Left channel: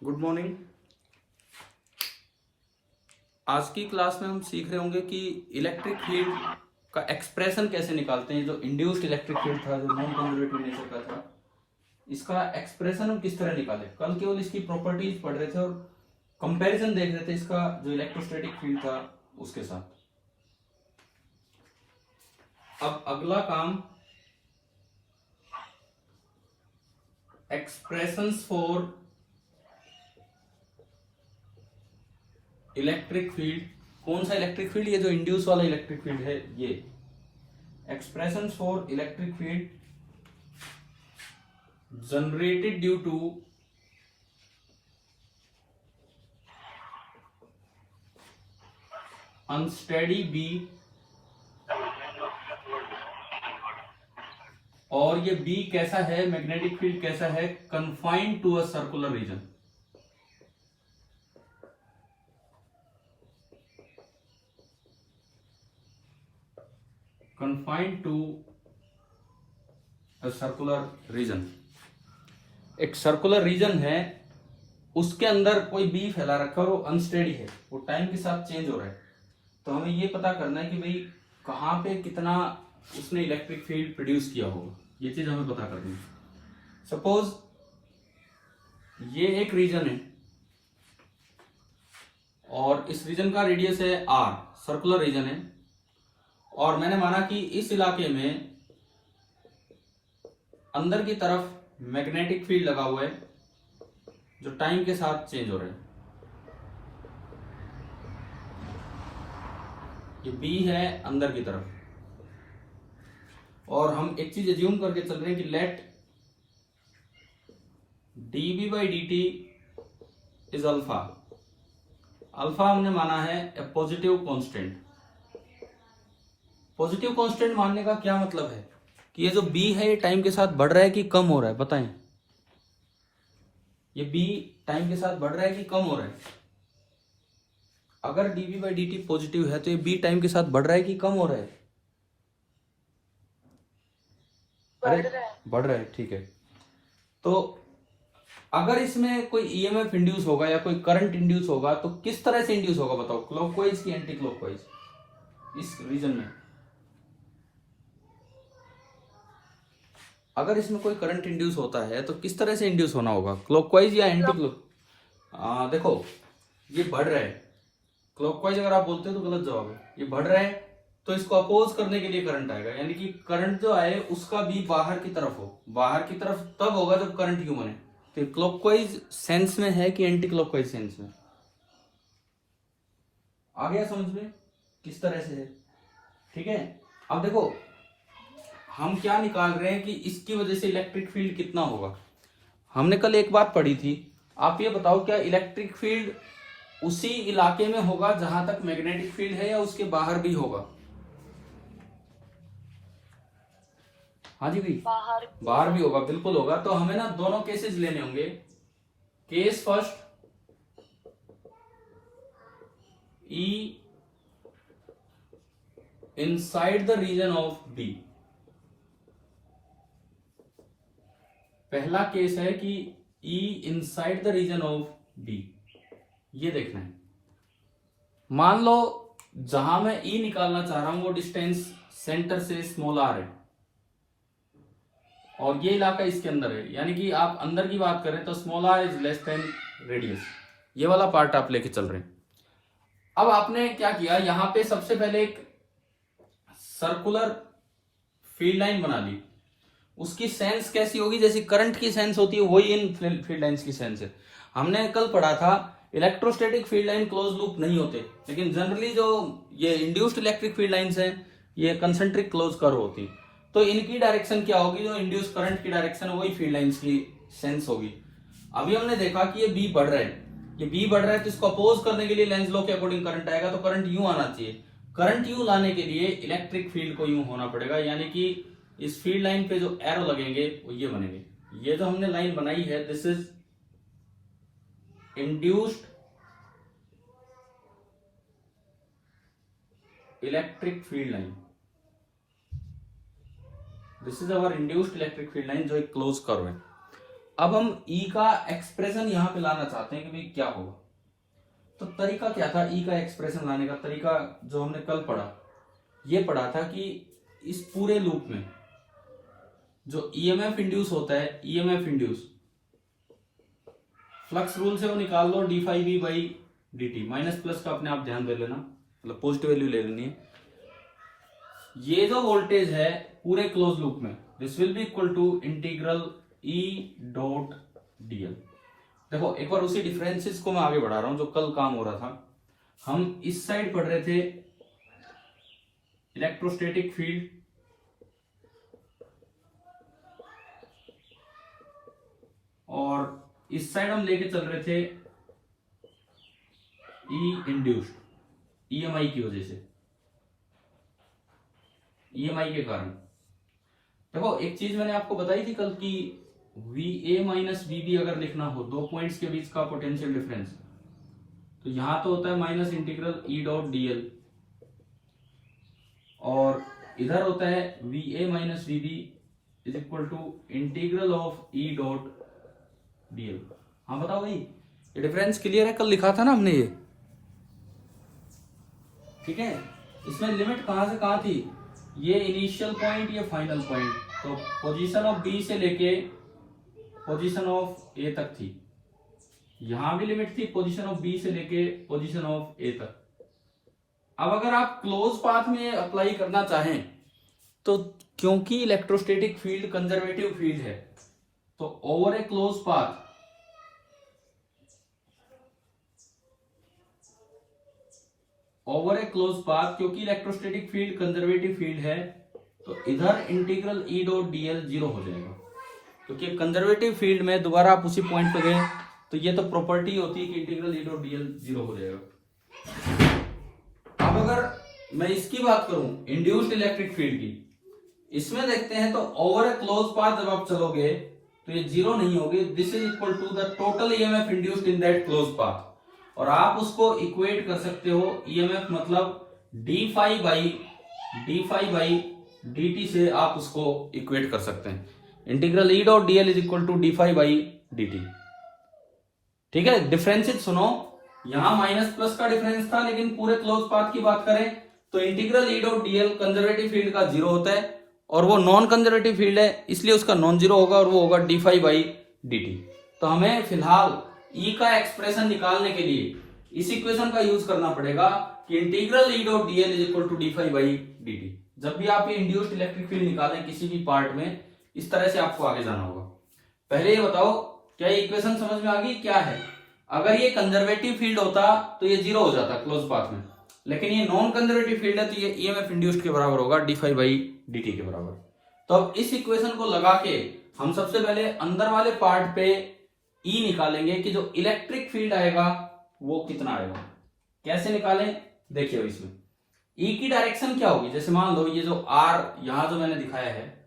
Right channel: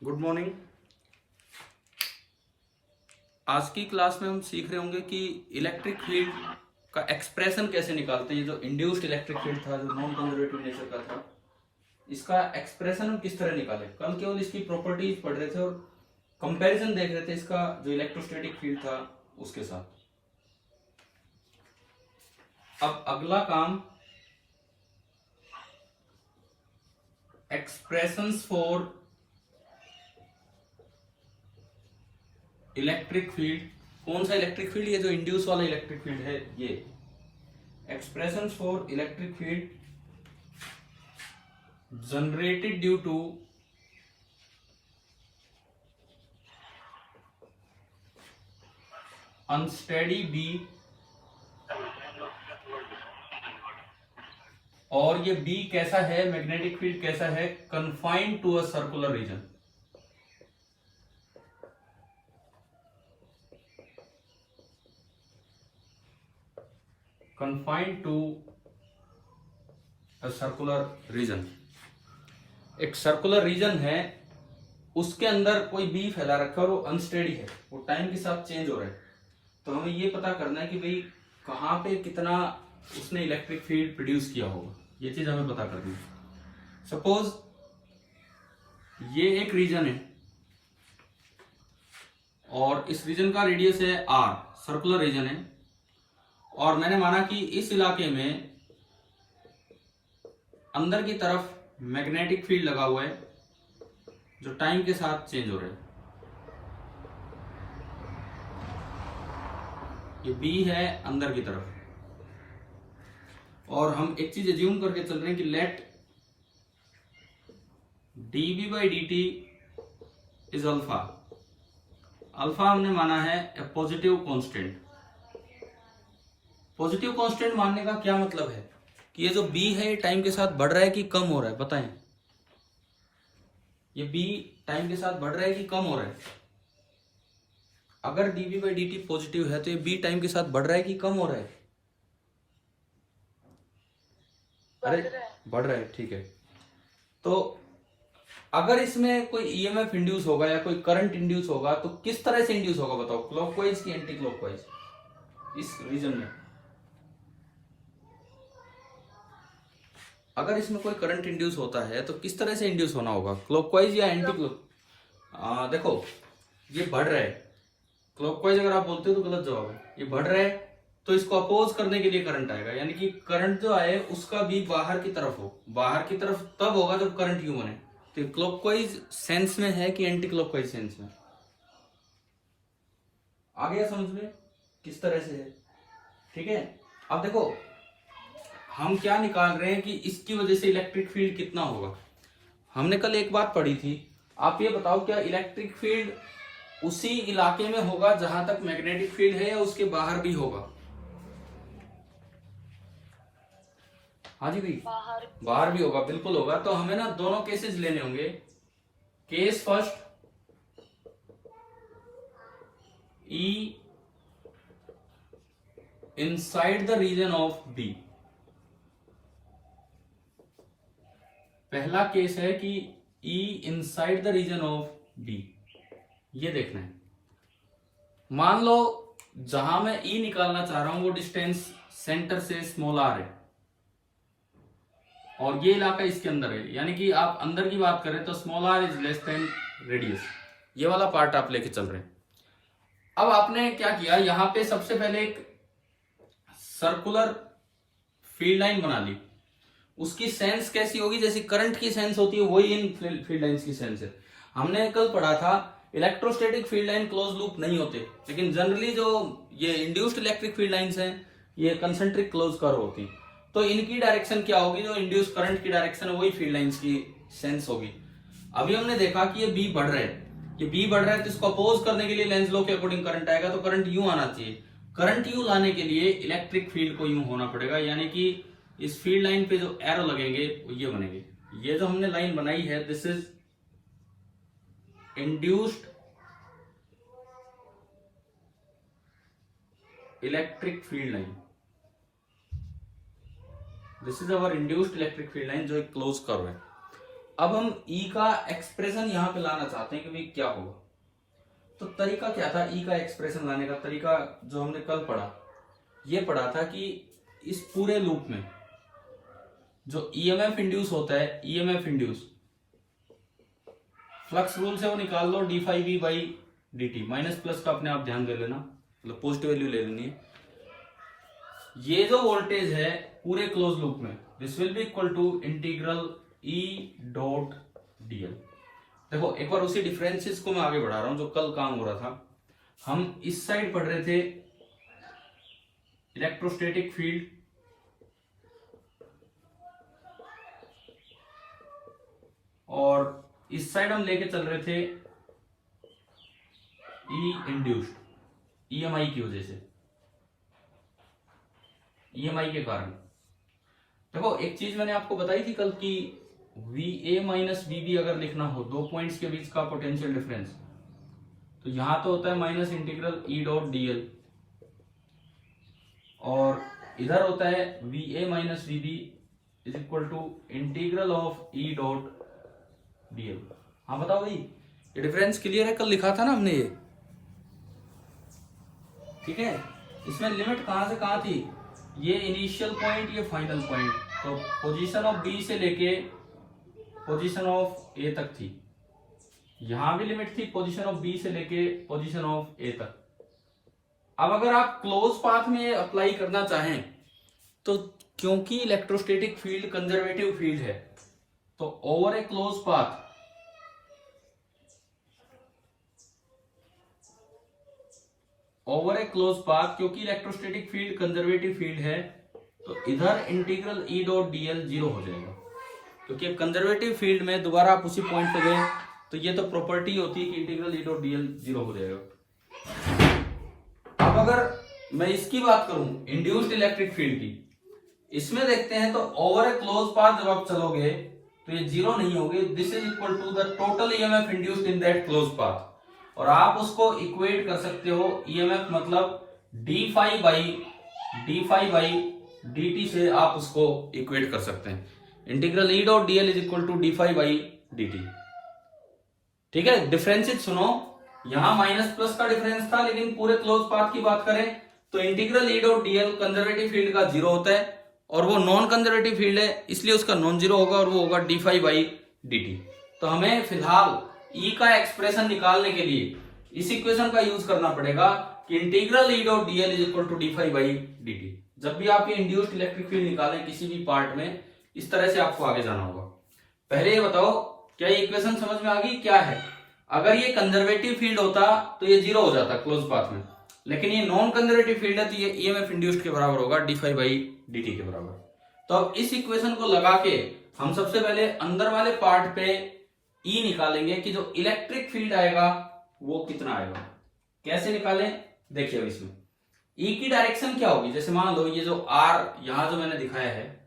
Good morning. आज की class में हम सीख रहे होंगे कि इलेक्ट्रिक फील्ड का एक्सप्रेशन कैसे निकालते हैं। जो इंड्यूस्ड इलेक्ट्रिक फील्ड था, जो नॉन कंजर्वेटिव नेचर का था, इसका एक्सप्रेशन हम किस तरह निकाले। कल केवल इसकी प्रॉपर्टीज पढ़ रहे थे और कंपैरिजन देख रहे थे इसका जो इलेक्ट्रोस्टैटिक फील्ड था उसके साथ। अब अगला काम एक्सप्रेशंस फॉर इलेक्ट्रिक फील्ड। कौन सा इलेक्ट्रिक फील्ड? ये जो इंड्यूस वाला इलेक्ट्रिक फील्ड है, ये expressions for electric field generated due to unsteady B, और ये बी कैसा है, मैग्नेटिक फील्ड कैसा है, confined to a circular region. Confined to a circular region. एक सर्कुलर रीजन है, उसके अंदर कोई बी फैला रखा है और वो अनस्टेडी है, वो टाइम के साथ चेंज हो रहा है। तो हमें ये पता करना है कि भाई कहां पे कितना उसने इलेक्ट्रिक फील्ड प्रोड्यूस किया होगा, ये चीज हमें पता करनी है। सपोज ये एक रीजन है और इस रीजन का रेडियस है आर, सर्कुलर रीजन है, और मैंने माना कि इस इलाके में अंदर की तरफ मैग्नेटिक फील्ड लगा हुआ है जो टाइम के साथ चेंज हो रहा है। ये बी है अंदर की तरफ, और हम एक चीज एज्यूम करके चल रहे हैं कि let dB by D t is alpha. Alpha हमने माना है a positive constant. Positive constant मानने का क्या मतलब है कि ये जो बी है ये टाइम के साथ बढ़ रहा है कि कम हो रहा है, बताएं। ये बी टाइम के साथ बढ़ रहा है कि कम हो रहा है? अगर dB by D T positive है तो ये बी टाइम के साथ बढ़ रहा है कि कम हो रहा है? अरे बढ़ रहा है, ठीक है। तो अगर इसमें कोई ईएमएफ इंड्यूस होगा या कोई करंट इंड्यूस होगा तो किस तरह से इंड्यूस होगा बताओ, क्लॉकवाइज की एंटी क्लॉकवाइज? इस रीजन में अगर इसमें कोई करंट इंड्यूस होता है तो किस तरह से इंड्यूस होना होगा, क्लॉकवाइज या एंटी क्लॉक? देखो ये बढ़ रहा है, क्लॉकवाइज अगर आप बोलते हो तो गलत जवाब है। ये बढ़ रहा है तो इसको अपोज करने के लिए करंट आएगा, यानी कि करंट जो आए उसका भी बाहर की तरफ हो। बाहर की तरफ तब होगा जब करंट क्यों बने। तो क्लॉकवाइज सेंस में है कि एंटी क्लॉकवाइज सेंस में? आ गया समझ में किस तरह से है? ठीक है। अब देखो हम क्या निकाल रहे हैं कि इसकी वजह से इलेक्ट्रिक फील्ड कितना होगा। हमने कल एक बात पढ़ी थी, आप ये बताओ क्या इलेक्ट्रिक फील्ड उसी इलाके में होगा जहां तक मैग्नेटिक फील्ड है या उसके बाहर भी होगा? हाँ जी भी, बाहर भी होगा, बिल्कुल होगा। तो हमें ना दोनों केसेस लेने होंगे। Case first, E inside the region of B. पहला केस है कि E inside the region of B, ये देखना है। मान लो जहां मैं ई निकालना चाह रहा हूं वो डिस्टेंस सेंटर से स्मॉल आर है और ये इलाका इसके अंदर है, यानी कि आप अंदर की बात करें तो small r is less than radius. ये वाला पार्ट आप लेके चल रहे हैं। अब आपने क्या किया, यहां पे सबसे पहले एक सर्कुलर फील्ड लाइन बना ली। उसकी सेंस कैसी होगी? जैसी करंट की सेंस होती है वही इन फील्ड लाइंस की सेंस है। हमने कल पढ़ा था electrostatic field line close loop नहीं होते, लेकिन जनरली जो ये इंड्यूस्ड इलेक्ट्रिक फील्ड लाइंस हैं ये कंसेंट्रिक क्लोज कर्व होती। तो इनकी डायरेक्शन क्या होगी? जो इंड्यूस करंट की डायरेक्शन है वही फील्ड लाइंस की सेंस होगी। अभी हमने देखा कि ये बी बढ़ रहा है, ये बी बढ़ रहा है तो इसको अपोज करने के लिए लेंज लॉ के अकॉर्डिंग करंट आएगा। तो करंट यूं आना चाहिए। करंट यूं लाने के लिए इलेक्ट्रिक फील्ड को यूं होना पड़ेगा, यानी कि इस फील्ड लाइन पे जो एरो लगेंगे वो ये बनेंगे। ये जो हमने लाइन बनाई है this is induced electric field line. This is our induced electric field line जो एक क्लोज कर्व है। अब हम ई का एक्सप्रेशन यहां पे लाना चाहते हैं कि भाई क्या होगा। तो तरीका क्या था ई का एक्सप्रेशन लाने का? तरीका जो हमने कल पढ़ा, ये पढ़ा था कि इस पूरे लूप में जो ईएमएफ इंड्यूस होता है, ईएमएफ इंड्यूस फ्लक्स रूल से वो निकाल लो, D phi B by D T. Minus plus का अपने आप ध्यान कर लेना, मतलब पॉजिटिव वैल्यू ले लेनी है। ये जो वोल्टेज है पूरे क्लोज लूप में, this will be equal to integral E dot dl. देखो एक बार उसी डिफरेंसेस को मैं आगे बढ़ा रहा हूं जो कल काम हो रहा था। हम इस साइड पढ़ रहे थे इलेक्ट्रोस्टैटिक फील्ड, और इस साइड हम लेके चल रहे थे ई इंड्यूस्ड, ईएमआई की वजह से, ईएमआई के कारण। देखो एक चीज मैंने आपको बताई थी कल की VA माइनस VB अगर लिखना हो दो पॉइंट्स के बीच का पोटेंशियल डिफरेंस, तो यहां तो होता है minus integral E dot dl, और इधर होता है VA minus VB is equal to integral of E dot dl. हाँ बताओ भाई, ये डिफरेंस क्लियर है? कल लिखा था ना हमने ये, ठीक है। इसमें लिमिट कहां से कहां थी? ये इनिशियल पॉइंट, ये फाइनल पॉइंट, तो पोजीशन ऑफ बी से लेके पोजीशन ऑफ ए तक थी। यहां भी लिमिट थी पोजीशन ऑफ बी से लेके पोजीशन ऑफ ए तक। अब अगर आप क्लोज पाथ में अप्लाई करना चाहें तो क्योंकि इलेक्ट्रोस्टैटिक फील्ड कंजर्वेटिव फील्ड है, तो ओवर ए क्लोज पाथ क्योंकि इलेक्ट्रोस्टैटिक फील्ड कंजर्वेटिव फील्ड है, तो इधर integral E dot DL zero हो जाएगा, क्योंकि कंजर्वेटिव फील्ड में दोबारा आप उसी पॉइंट पे गए तो ये तो प्रॉपर्टी होती है कि integral E dot DL zero हो जाएगा। अब अगर मैं इसकी बात करूं इंड्यूस्ड इलेक्ट्रिक फील्ड की, इसमें देखते हैं तो ओवर ए क्लोज पाथ जब आप चलोगे तो ये जीरो नहीं होगी। This is equal to the total EMF induced in that close path, और आप उसको इक्वेट कर सकते हो ईएमएफ मतलब डी फाई बाई dt से आप उसको इक्वेट कर सकते हैं। Integral E dot dl is equal to d phi by dt, ठीक है। डिफरेंसेस सुनो, यहां माइनस प्लस का डिफरेंस था, लेकिन पूरे क्लोज पाथ की बात करें तो integral E dot DL conservative field का जीरो होता है, और वो नॉन कंजर्वेटिव फील्ड है इसलिए उसका नॉन जीरो होगा, और वो होगा डी फाई बाई dt। तो हमें फिलहाल ई का एक्सप्रेशन निकालने के लिए इस इक्वेशन का यूज करना पड़ेगा कि integral E dot dl is equal to d phi by dt। जब भी आप ये इंड्यूस्ड इलेक्ट्रिक फील्ड निकालें किसी भी पार्ट में, इस तरह से आपको आगे जाना होगा। पहले ये बताओ क्या ये इक्वेशन समझ में आ गई? क्या है, अगर ये कंजर्वेटिव फील्ड होता तो ये जीरो हो जाता क्लोज पाथ में, लेकिन ये नॉन कंजर्वेटिव फील्ड है तो ये ईएमएफ इंड्यूस्ड के बराबर होगा डी फाई बाई dt के बराबर। तो अब इस इक्वेशन को लगा के हम सबसे पहले अंदर वाले पार्ट पे ई निकालेंगे कि जो इलेक्ट्रिक फील्ड आएगा वो कितना आएगा। कैसे निकालें? देखिए अब इसमें ई की डायरेक्शन क्या होगी। जैसे मान लो ये जो आर यहां जो मैंने दिखाया है,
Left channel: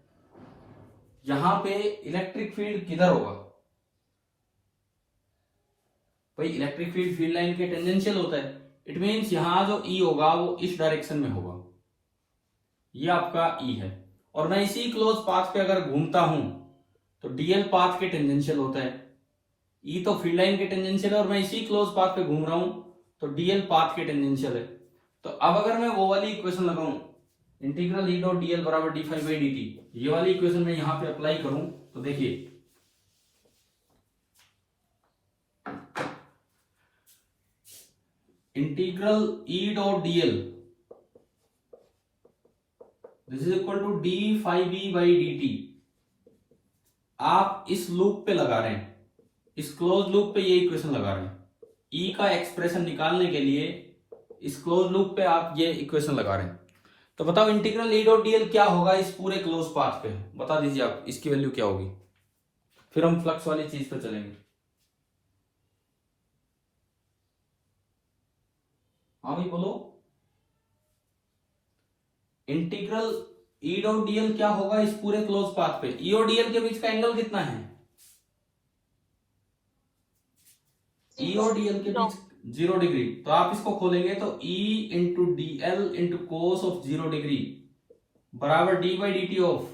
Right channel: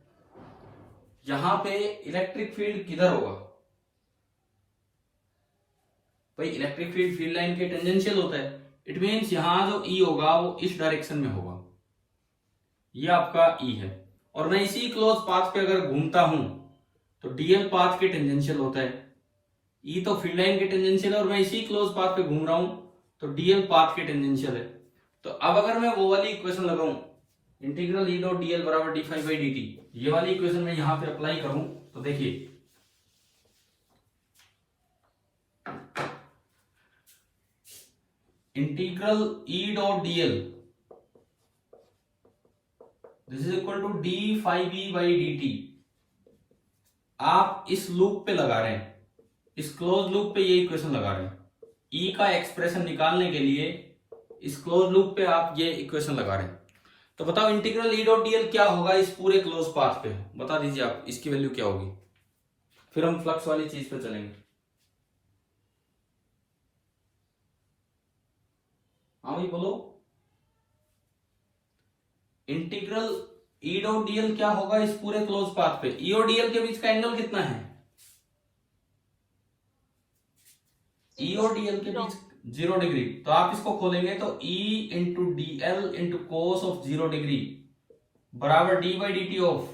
यहां पे इलेक्ट्रिक फील्ड किधर होगा भाई? इलेक्ट्रिक फील्ड फील्ड लाइन के टेंजेंशियल होता है। इट मींस यहां जो ई होगा वो इस डायरेक्शन में होगा, ये आपका ई है। और मैं इसी क्लोज पाथ पे अगर घूमता हूं तो डीएल पाथ के टेंजेंशियल होता है, ई तो फील्ड लाइन के टेंजेंशियल है, और मैं इसी क्लोज पाथ पे घूम रहा हूं तो डीएल पाथ के टेंजेंशियल है। तो अब अगर मैं वो वाली इक्वेशन लगाऊं इंटीग्रल ई डॉट डीएल बराबर डी फाई बाई dt, ये वाली इक्वेशन में यहां पे अप्लाई करूं तो देखिए integral E dot dl this is equal to d phi B by dt। आप इस लूप पे लगा रहे हैं, इस क्लोज लूप पे ये इक्वेशन लगा रहे हैं। ई का एक्सप्रेशन निकालने के लिए इस क्लोज लूप पे आप ये इक्वेशन लगा रहे हैं। तो बताओ इंटीग्रल ई डॉट डीएल क्या होगा इस पूरे क्लोज पाथ पे? बता दीजिए आप, इसकी वैल्यू क्या होगी, फिर हम फ्लक्स वाली चीज पे चलेंगे। हाँ भाई बोलो, इंटीग्रल ई डॉट डीएल क्या होगा इस पूरे क्लोज पाथ पे? ई और डीएल के बीच का एंगल कितना है? ई और डीएल के बीच 0 डिग्री। तो आप इसको खोलेंगे तो E into D L into cos of 0 degree बराबर D by D T of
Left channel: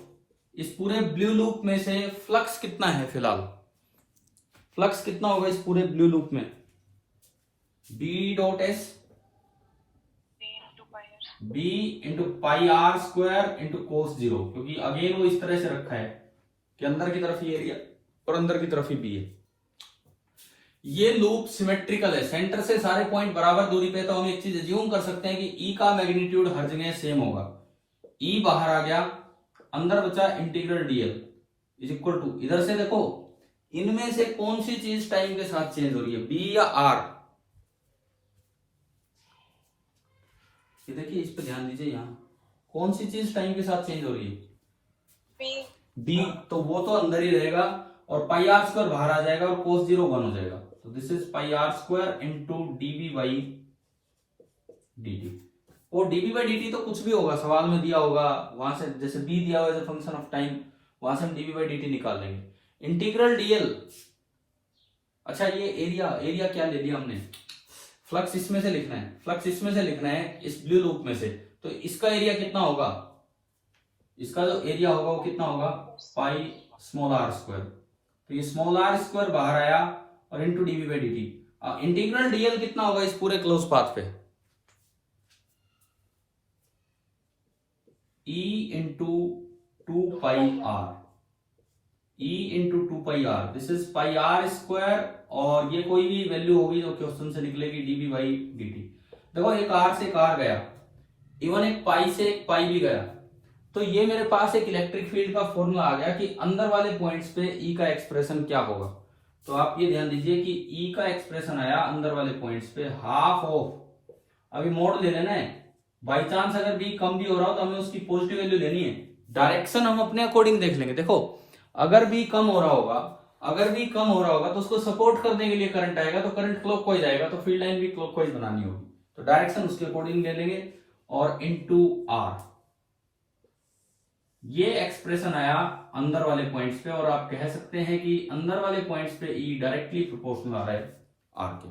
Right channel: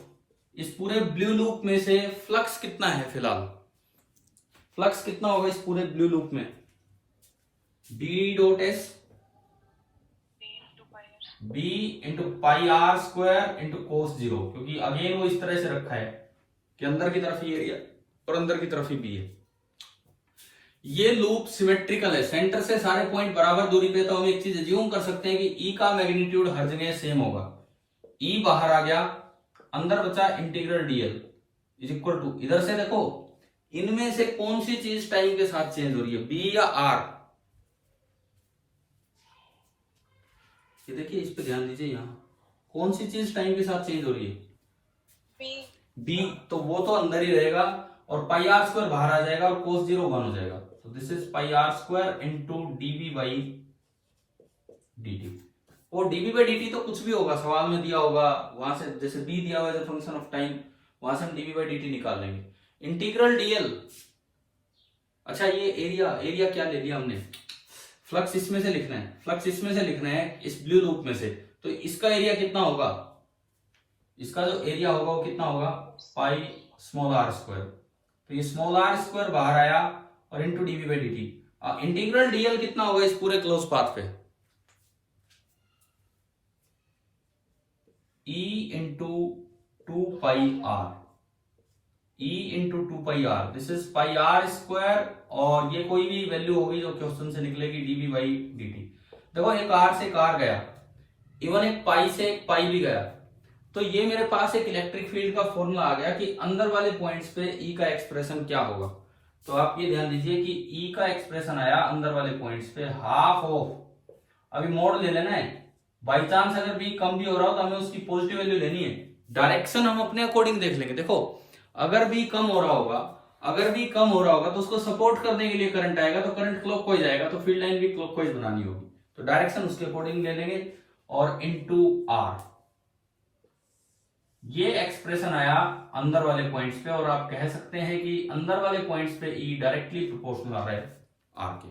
इस पूरे ब्लू लूप में से फ्लक्स कितना है फिलहाल फ्लक्स कितना होगा इस पूरे ब्लू लूप में? B dot S B into pi r square into cos zero, क्योंकि अगेन वो इस तरह से रखा है कि अंदर की तरफ ही एरिया और अंदर की तरफ ही बी है। ये लूप सिमेट्रिकल है, सेंटर से सारे पॉइंट बराबर दूरी पे, तो हम एक चीज अज्यूम कर सकते हैं कि ई का मैग्नीट्यूड हर जगह सेम होगा। ई बाहर आ गया, अंदर बचा integral dl is equal to, इधर से देखो इनमें से कौन सी चीज टाइम के साथ चेंज हो रही है, बी या आर? ये देखिए, इस पे ध्यान दीजिए, यहां कौन सी चीज टाइम के साथ चेंज हो रही है? बी। तो वो तो अंदर ही रहेगा और पाई आर स्क्वायर बाहर आ जाएगा और कोस जीरो 1 हो जाएगा। तो this is pi r square into dB by d. और डीबी बाई डी तो कुछ भी होगा, सवाल में दिया होगा, वहां से जैसे बी दिया हुआ है फंक्शन ऑफ टाइम, वहां से हम डीबी बाई डी निकाल लेंगे। इंटीग्रल डीएल, अच्छा ये एरिया क्या ले लिया हमने? फ्लक्स इसमें से लिखना है, फ्लक्स इसमें से लिखना है, इस ब्लू लूप में से। तो इसका एरिया कितना होगा? इसका जो एरिया होगा वो कितना होगा? Pi small r square. तो ये स्मॉल आर स्क्वायर बाहर आया और into dB by D t. Integral dl कितना होगा इस पूरे क्लोज पाथ पे? E into 2 pi r, E into 2 pi r, this is pi r square, और ये कोई भी वैल्यू होगी जो क्वेश्चन से निकलेगी, डीबी बाई डी टी। देखो एक आर से एक आर गया, इवन एक पाई से एक पाई भी गया, तो ये मेरे पास एक इलेक्ट्रिक फील्ड का फॉर्मूला आ गया कि अंदर वाले पॉइंट्स पे ई का एक्सप्रेशन क्या होगा। तो आप ये ध्यान दीजिए कि ई का एक्सप्रेशन आया अंदर वाले पॉइंट्स पे हाफ ऑफ, अभी मोड ले लेना है, बाई चांस अगर बी कम भी हो रहा हो तो हमें उसकी पॉजिटिव वैल्यू लेनी है। डायरेक्शन हम अपने अकॉर्डिंग देख लेंगे। देखो अगर बी कम हो रहा होगा तो उसको सपोर्ट करने के लिए करंट आएगा, तो करंट क्लॉकवाइज आएगा, तो फील्ड लाइन भी क्लॉकवाइज बनानी होगी, तो डायरेक्शन उसके अकॉर्डिंग ले लेंगे। और इनटू आर, ये एक्सप्रेशन आया अंदर वाले पॉइंट्स पे, और आप कह सकते हैं कि अंदर वाले पॉइंट्स पे ई डायरेक्टली प्रोपोर्शनल आ रहा है आर के।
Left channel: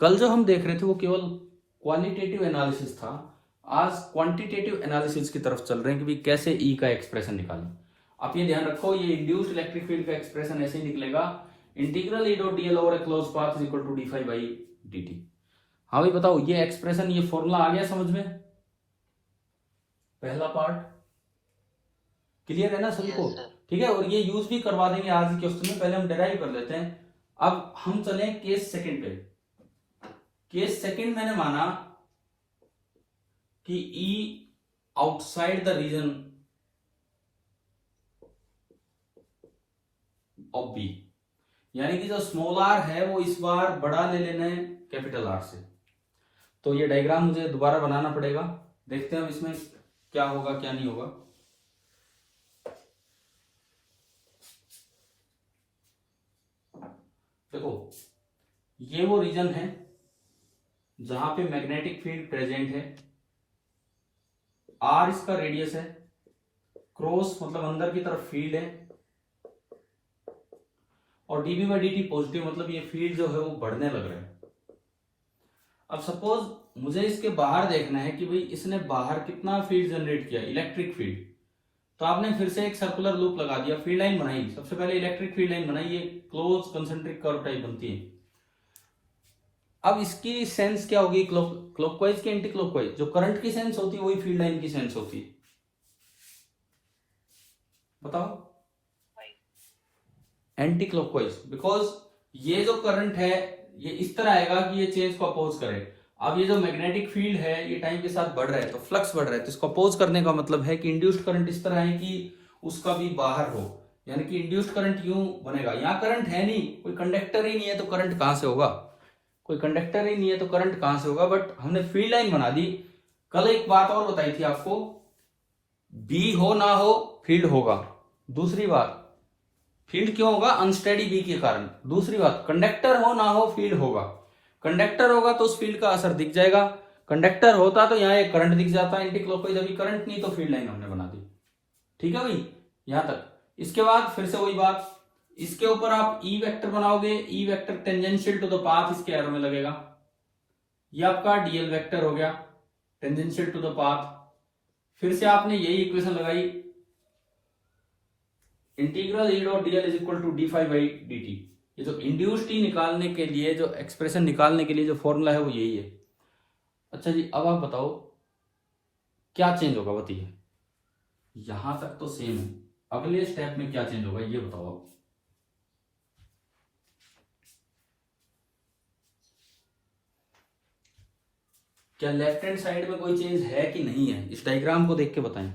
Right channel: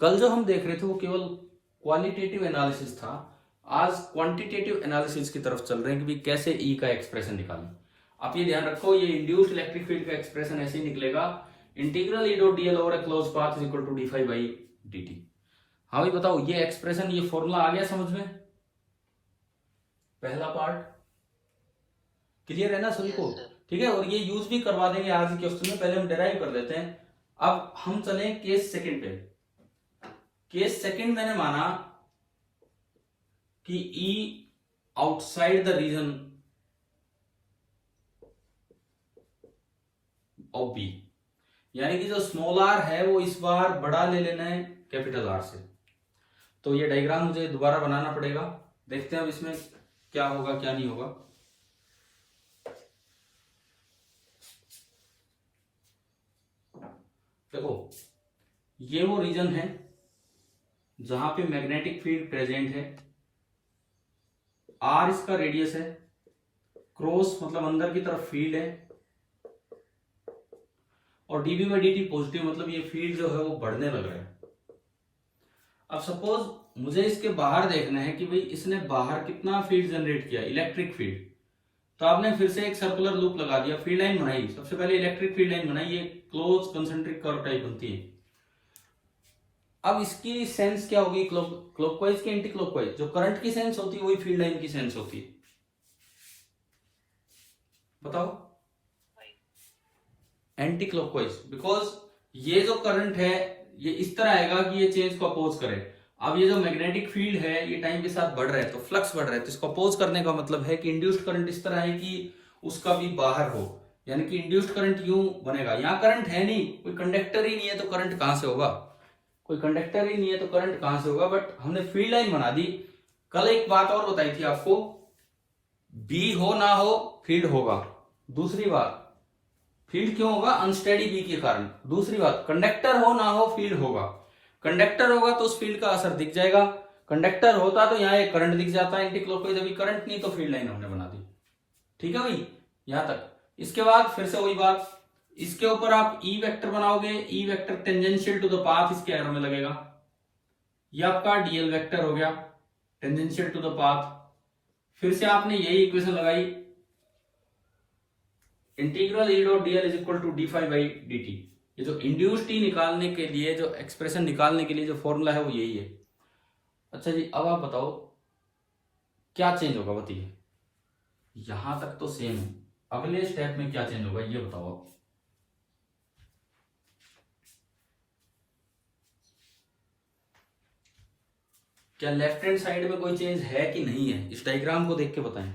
कल जो हम देख रहे थे वो केवल क्वालिटेटिव एनालिसिस था, आज क्वांटिटेटिव एनालिसिस की तरफ चल रहे हैं कि कैसे ई का एक्सप्रेशन निकालें। आप ये ध्यान रखो, ये इंड्यूस्ड इलेक्ट्रिक फील्ड का एक्सप्रेशन ऐसे ही निकलेगा, integral E dot dl over a close path is equal to d phi by D t. हाँ भाई बताओ, ये एक्सप्रेशन, ये फॉर्मूला आ गया समझ में? पहला पार्ट क्लियर है ना सभी को? ठीक है, और ये यूज भी करवा देंगे आज के क्वेश्चन में, पहले हम डिराइव कर लेते हैं। अब हम चले केस सेकंड पे। केस सेकंड मैंने माना कि E outside the region of B, यानी कि जो स्मॉल आर है वो इस बार बड़ा ले लेना है कैपिटल आर से। तो ये डायग्राम मुझे दोबारा बनाना पड़ेगा, देखते हैं हम इसमें क्या होगा क्या नहीं होगा। देखो ये वो रीजन है जहां पे मैग्नेटिक फील्ड प्रेजेंट है, आर इसका रेडियस है, क्रॉस मतलब अंदर की तरफ फील्ड है, और dB by D T positive, मतलब ये फील्ड जो है वो बढ़ने लग रहा है। अब सपोज मुझे इसके बाहर देखना है कि भाई इसने बाहर कितना फील्ड जनरेट किया, इलेक्ट्रिक फील्ड। तो आपने फिर से एक सर्कुलर लूप लगा दिया, फील्ड लाइन बनाई, सबसे पहले इलेक्ट्रिक फील्ड लाइन बनाई, ये क्लोज कंसेंट्रिक कर्व टाइप बनती है। अब इसकी सेंस क्या होगी, क्लॉकवाइज की एंटी क्लॉकवाइज? जो करंट की सेंस होती है वही फील्ड लाइन की सेंस होती है, बताओ? एंटी क्लॉकवाइज, बिकॉज ये जो करंट है ये इस तरह आएगा कि ये चेंज को अपोज करे। अब ये जो मैग्नेटिक फील्ड है ये टाइम के साथ बढ़ रहा है, तो फ्लक्स बढ़ रहा है, तो इसको अपोज करने का मतलब है कि इंड्यूस्ड करंट इस तरह है कि उसका भी बाहर हो, यानी कि इंड्यूस्ड करंट यूं बनेगा। यहां करंट है नहीं, कोई कंडक्टर ही नहीं है, तो करंट कहां से होगा? कोई कंडक्टर ही नहीं है तो करंट कहां से होगा? बट हमने फील्ड लाइन बना दी। कल एक बात और बताई थी आपको, बी हो ना हो फील्ड होगा। दूसरी बात, फील्ड क्यों होगा? अनस्टेडी बी के कारण। दूसरी बात, कंडक्टर हो ना हो फील्ड होगा। कंडक्टर होगा तो उस फील्ड का असर दिख जाएगा, कंडक्टर होता तो यहाँ एक करंट दिख जाता एंटी क्लॉकवाइज, अभी करंट नहीं तो फील्ड लाइन हमने बना दी। ठीक है भाई, यहां तक। इसके बाद फिर से वही बात, इसके ऊपर आप ई वेक्टर बनाओगे, E vector tangential to the path इसके एरो में लगेगा, ये आपका डीएल वेक्टर हो गया टेंजेंशियल टू द पाथ। फिर से आपने यही इक्वेशन लगाई, integral E dot dl is equal to d phi by D t, ये जो इंड्यूस्ड टी निकालने के लिए, जो एक्सप्रेशन निकालने के लिए जो फॉर्मूला है वो यही है। अच्छा जी, अब आप बताओ क्या चेंज होगा, बताइए। यहां तक तो सेम है, अगले स्टेप में क्या चेंज होगा ये बताओ आप। क्या लेफ्ट हैंड साइड में कोई चेंज है कि नहीं है, इस डायग्राम को देख के बताएं।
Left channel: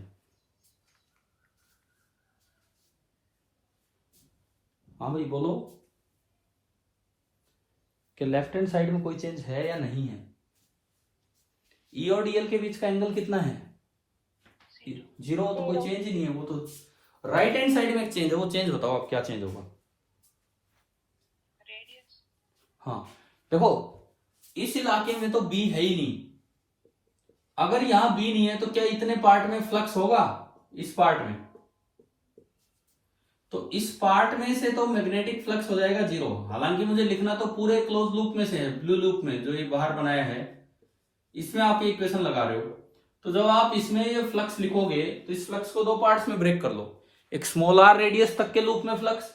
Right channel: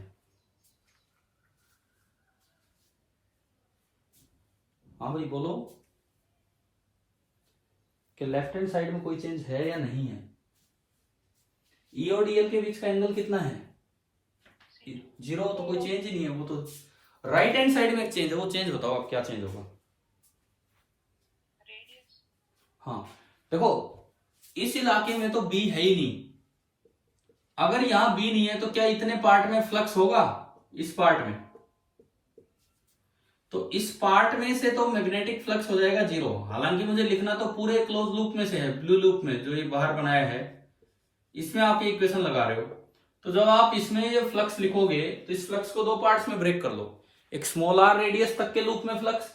हाँ भाई बोलो, कि लेफ्ट हैंड साइड में कोई चेंज है या नहीं है। ई और डीएल के बीच का एंगल कितना है, 0, तो कोई चेंज ही नहीं है। वो तो राइट हैंड साइड में एक चेंज है, वो चेंज बताओ आप, क्या चेंज होगा। हाँ देखो, इस इलाके में तो बी है ही नहीं। अगर यहां बी नहीं है तो क्या इतने पार्ट में फ्लक्स होगा, इस पार्ट में। तो इस पार्ट में से तो मैग्नेटिक फ्लक्स हो जाएगा 0। हालांकि मुझे लिखना तो पूरे क्लोज लूप में से है, ब्लू लूप में जो ये बाहर बनाया है, इसमें आप ये इक्वेशन लगा रहे हो। तो जब आप इसमें ये फ्लक्स लिखोगे तो इस फ्लक्स को 2 पार्ट्स में ब्रेक कर लो, एक स्मॉल आर रेडियस तक के लूप में फ्लक्स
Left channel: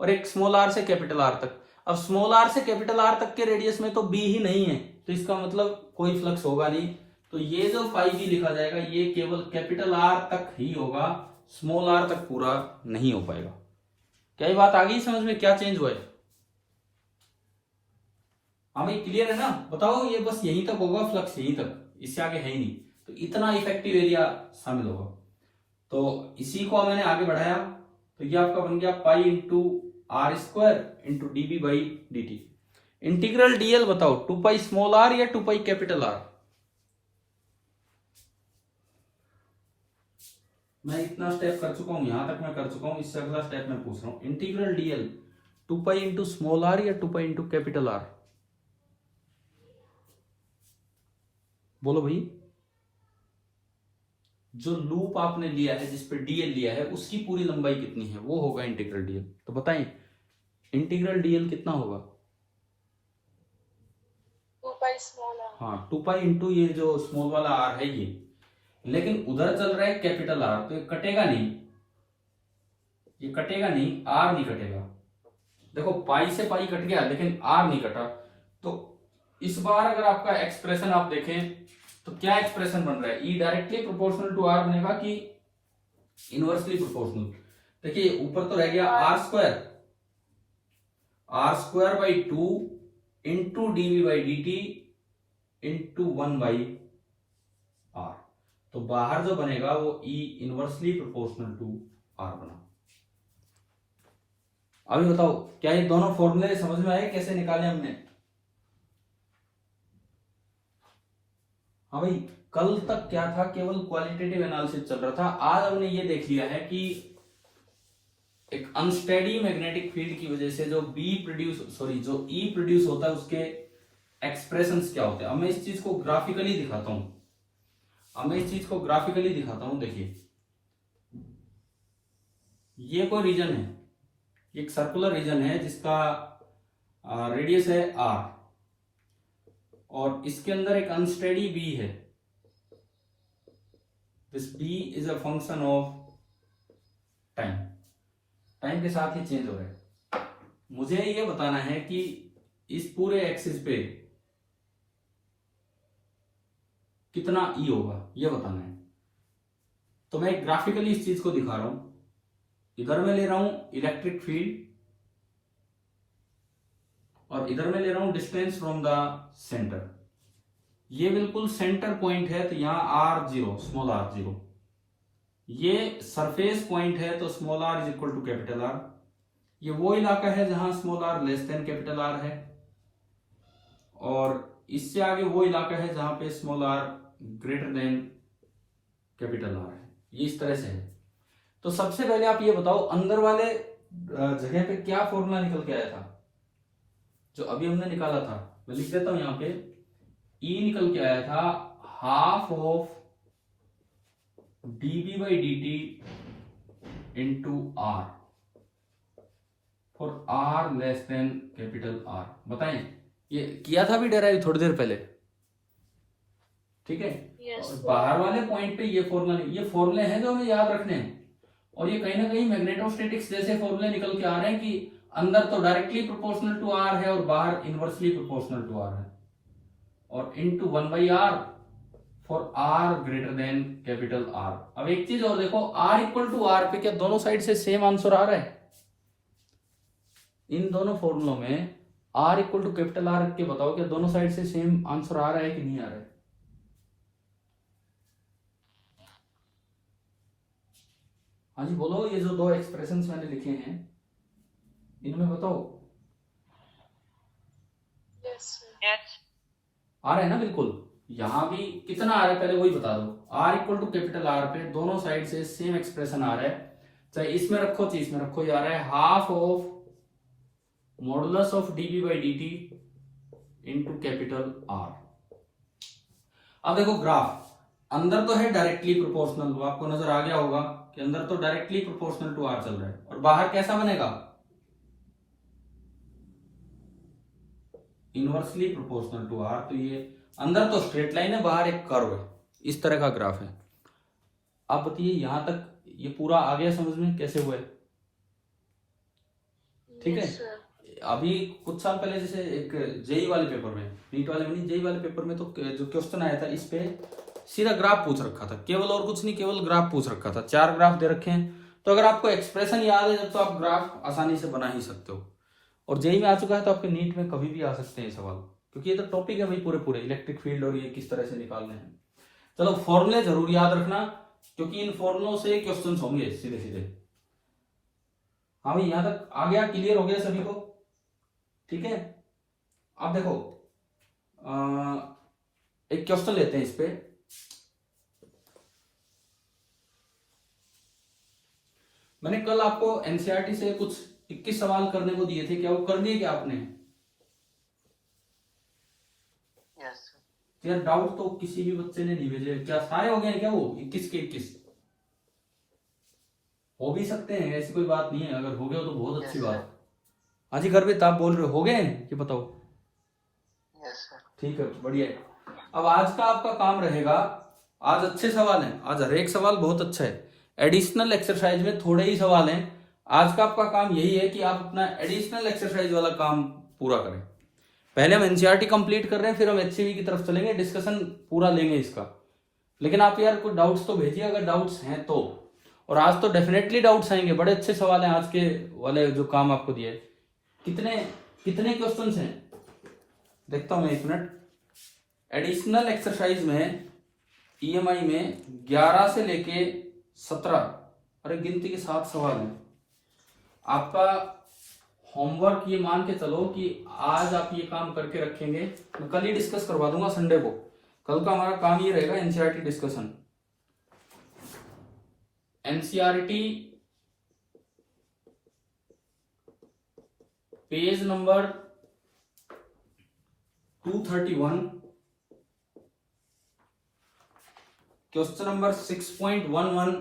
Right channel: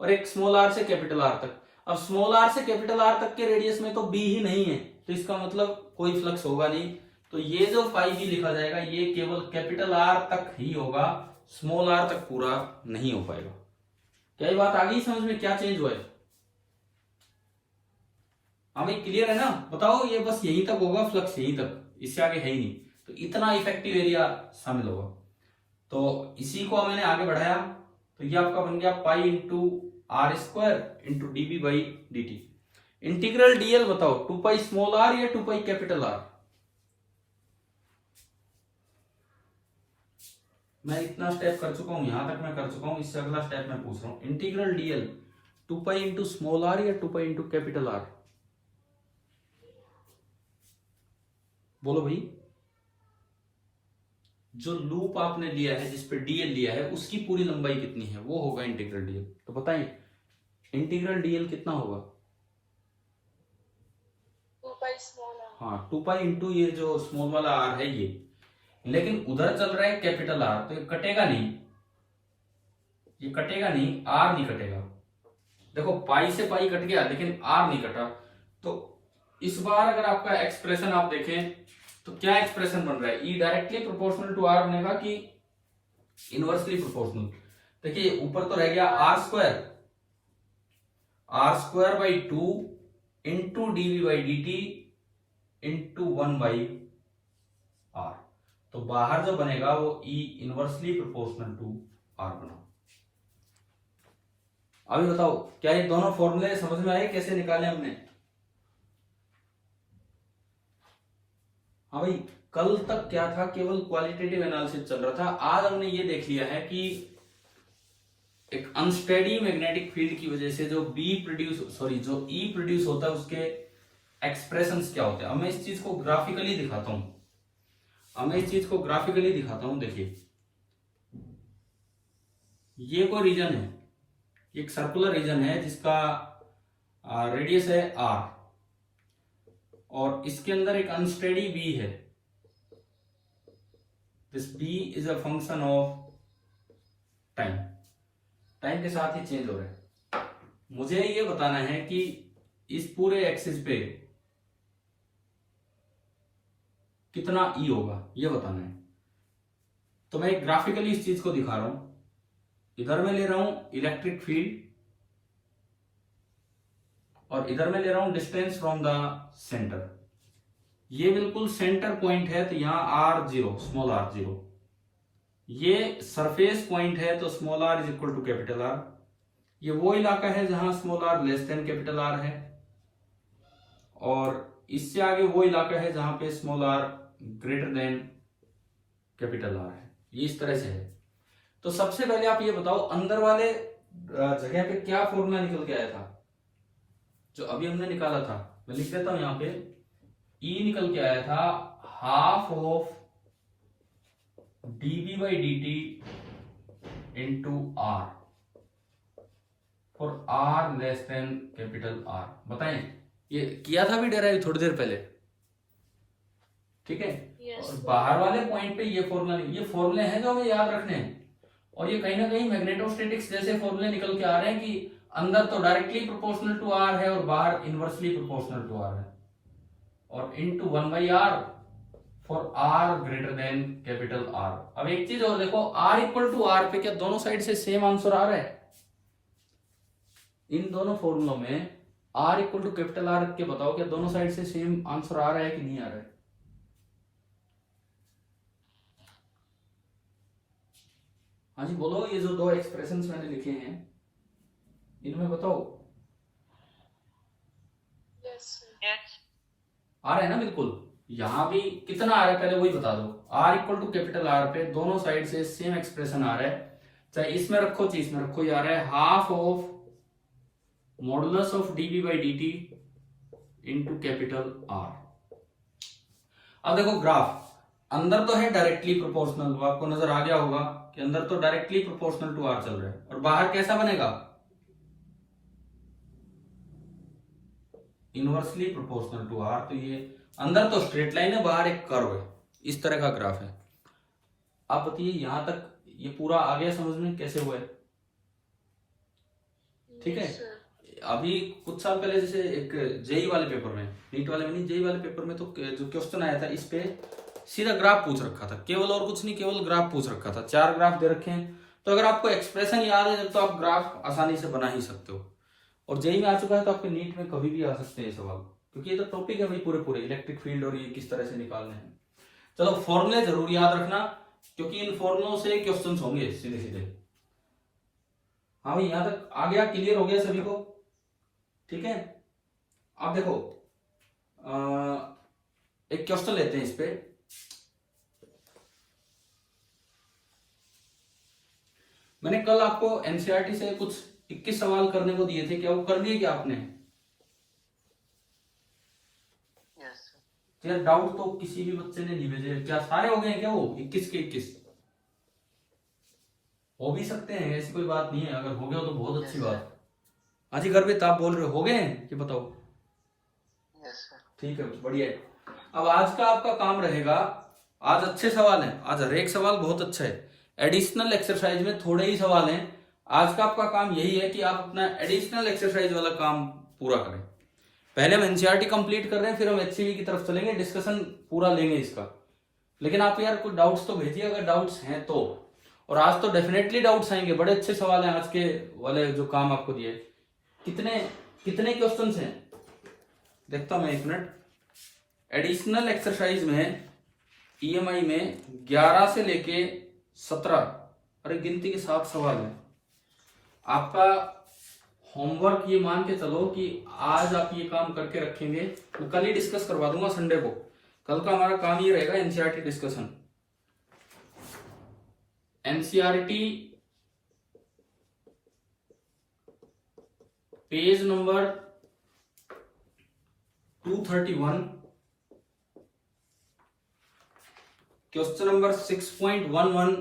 और एक स्मॉल आर से कैपिटल आर तक। अब स्मॉल आर से कैपिटल आर तक के रेडियस में तो बी ही नहीं है, तो इसका मतलब कोई फ्लक्स होगा नहीं। तो ये जो फाई बी लिखा जाएगा ये केवल कैपिटल आर तक ही होगा, स्मॉल आर तक पूरा नहीं हो पाएगा। क्या ये बात आ गई समझ में, क्या चेंज हुआ है। हाँ भाई क्लियर है ना, बताओ। ये बस यहीं तक होगा फ्लक्स, यहीं तक, इससे आगे है ही नहीं। तो इतना इफेक्टिव एरिया शामिल होगा। तो इसी को मैंने आगे बढ़ाया, तो ये आपका बन गया pi into r square into dB by D t. Integral dl बताओ, 2 पाई स्मॉल आर या 2 पाई कैपिटल आर। मैं इतना स्टेप कर चुका हूं, यहां तक मैं कर चुका हूं, इससे अगला स्टेप मैं पूछ रहा हूं। Integral dl 2 pi into small r या 2 पाई इंटू कैपिटल आर, बोलो भाई। जो लूप आपने लिया है, जिस पे डीएल लिया है, उसकी पूरी लंबाई कितनी है, वो होगा इंटीग्रल डीएल। तो बताएं इंटीग्रल डीएल कितना होगा। 2 पाई स्मॉल आर। हाँ 2 पाई इंटू ये जो स्मॉल वाला आर है ये, लेकिन उधर चल रहा है कैपिटल आर, तो ये कटेगा नहीं, ये कटेगा नहीं, आर नहीं कटेगा। देखो पाई से पाई कट गया लेकिन आर नहीं कटा। तो इस बार अगर आपका एक्सप्रेशन आप देखें तो क्या एक्सप्रेशन बन रहा है, E directly proportional to r बनेगा कि इनवर्सली प्रोपोर्शनल। देखिए ऊपर तो रह गया r square by 2 into dv by D t into 1 by r. तो बाहर जो बनेगा वो E inversely proportional to r बना। अभी बताओ क्या ये दोनों फॉर्मूले समझ में आए, कैसे निकाले हमने। हाँ भाई, कल तक क्या था, केवल क्वालिटेटिव एनालिसिस चल रहा था। आज हमने ये देख लिया है कि एक अनस्टेडी मैग्नेटिक फील्ड की वजह से जो जो ई प्रोड्यूस होता है उसके एक्सप्रेशंस क्या होते हैं। अब मैं इस चीज को ग्राफिकली दिखाता हूं। देखिए ये कोई रीजन है, एक सर्कुलर रीजन है जिसका रेडियस है आर, और इसके अंदर एक अनस्टेडी बी है। This B is a function of time के साथ ही चेंज हो रहा है। मुझे ये बताना है कि इस पूरे एक्सिस पे कितना ई होगा, ये बताना है। तो मैं ग्राफिकली इस चीज को दिखा रहा हूं। इधर मैं ले रहा हूं इलेक्ट्रिक फील्ड और इधर मैं ले रहा हूं डिस्टेंस फ्रॉम द सेंटर। ये बिल्कुल सेंटर पॉइंट है, तो यहां r0 स्मॉल r0। ये सरफेस पॉइंट है, तो small r is equal to capital R। ये वो इलाका है जहां small r less than capital R है, और इससे आगे वो इलाका है जहां पे small r greater than capital R है। ये इस तरह से है। तो सबसे पहले आप ये बताओ अंदर वाले जगह पे क्या फॉर्मूला निकल के आया था, जो अभी हमने निकाला था। मैं लिख देता हूं यहां पे, ई निकल के आया था half of dB by D t into r for r less than capital r. बताएं, ये किया था भी डेराइव थोड़ी देर पहले, ठीक है। और बाहर वाले पॉइंट पे ये फॉर्मूले हैं जो हमें याद रखने हैं। और ये कहीं ना कहीं मैग्नेटोस्टैटिक्स जैसे फॉर्मूले निकल के आ रहे हैं कि अंदर तो डायरेक्टली प्रोपोर्शनल टू आर है और बाहर इनवर्सली प्रोपोर्शनल टू आर है, और into 1/r for r greater than capital r. अब एक चीज और देखो, आर इक्वल टू आर पे क्या दोनों साइड से सेम आंसर आ रहा है? इन दोनों फॉर्मूलों में r equal to capital r के बताओ क्या दोनों साइड से सेम आंसर आ रहा है कि नहीं आ रहा है? हाँ जी बोलो, ये जो दो एक्सप्रेशंस मैंने लिखे हैं इनमें बताओ Yes, sir. आ रहा है ना? बिल्कुल। यहां भी कितना आ रहा है पहले वही बता दो। R equal to capital r पे दोनों साइड से सेम एक्सप्रेशन आ रहा है, चाहे इसमें रखो चाहे इसमें रखो, ये आ रहा है half of modulus of dv by D t into capital r. अब देखो ग्राफ अंदर तो है डायरेक्टली प्रोपोर्शनल, आपको नजर आ गया होगा कि अंदर तो डायरेक्टली प्रोपोर्शनल टू आर चल रहा है, और बाहर कैसा बनेगा? Inversely proportional to r. तो ये अंदर तो स्ट्रेट लाइन है, बाहर एक कर्व है, इस तरह का ग्राफ है। आप बताइए यहां तक ये पूरा आ गया समझ में कैसे हुआ है? ठीक है। Yes, sir. अभी कुछ साल पहले जैसे एक जेई वाले पेपर में, नीट वाले में नहीं, जेई वाले पेपर में तो जो क्वेश्चन आया था इस पे सीधा ग्राफ पूछ रखा था, केवल और कुछ नहीं, केवल ग्राफ पूछ रखा था। 4 ग्राफ दे रखे हैं, तो अगर आपको एक्सप्रेशन याद है तो आप ग्राफ आसानी से बना ही सकते हो। और जेई में आ चुका है तो आपके नीट में कभी भी आ सकते हैं सवाल, क्योंकि ये तो टॉपिक है भाई पूरे इलेक्ट्रिक फील्ड और ये किस तरह से निकालने हैं। चलो फॉर्मूले जरूर याद रखना, क्योंकि इन फॉर्मूलों से क्वेश्चन होंगे सीधे सीधे। हाँ भाई यहां तक आ गया, क्लियर हो गया सभी को? ठीक है। अब देखो एक क्वेश्चन लेते हैं इस पे। मैंने कल आपको एनसीईआरटी से कुछ 21 सवाल करने को दिए थे, क्या वो कर दिए क्या आपने? Yes. यार डाउट तो किसी भी बच्चे ने नहीं भेजे, क्या सारे हो गए हैं क्या वो 21 के 21? हो भी सकते हैं, ऐसी कोई बात नहीं है, अगर हो गया तो बहुत अच्छी बात। हाँ जी घर पे आप बोल रहे हो गए हैं कि बताओ? Yes, sir. ठीक है बढ़िया है। अब आज का आपका काम रहेगा, आज अच्छे सवाल हैं, आज हर एक सवाल बहुत अच्छा है। एडिशनल एक्सरसाइज में थोड़े ही सवाल हैं। आज का आपका काम यही है कि आप अपना एडिशनल एक्सरसाइज वाला काम पूरा करें। पहले हम एनसीईआरटी कंप्लीट कर रहे हैं, फिर हम एचसीवी की तरफ चलेंगे, डिस्कशन पूरा लेंगे इसका। लेकिन आप यार कुछ डाउट्स तो भेजिए अगर डाउट्स हैं तो, और आज तो डेफिनेटली डाउट्स आएंगे, बड़े अच्छे सवाल हैं आज के वाले जो काम आपको दिए। कितने क्वेश्चंस हैं देखता हूं मैं, एक मिनट। एडिशनल एक्सरसाइज में ईएमआई में 11 से लेके 17, अरे गिनती के 7 सवाल हैं। आपका होमवर्क ये मान के चलो कि आज आप ये काम करके रखेंगे, मैं कल ही डिस्कस करवा दूंगा संडे को। कल का हमारा काम ये रहेगा NCERT discussion. NCERT page number 231 question number 6.11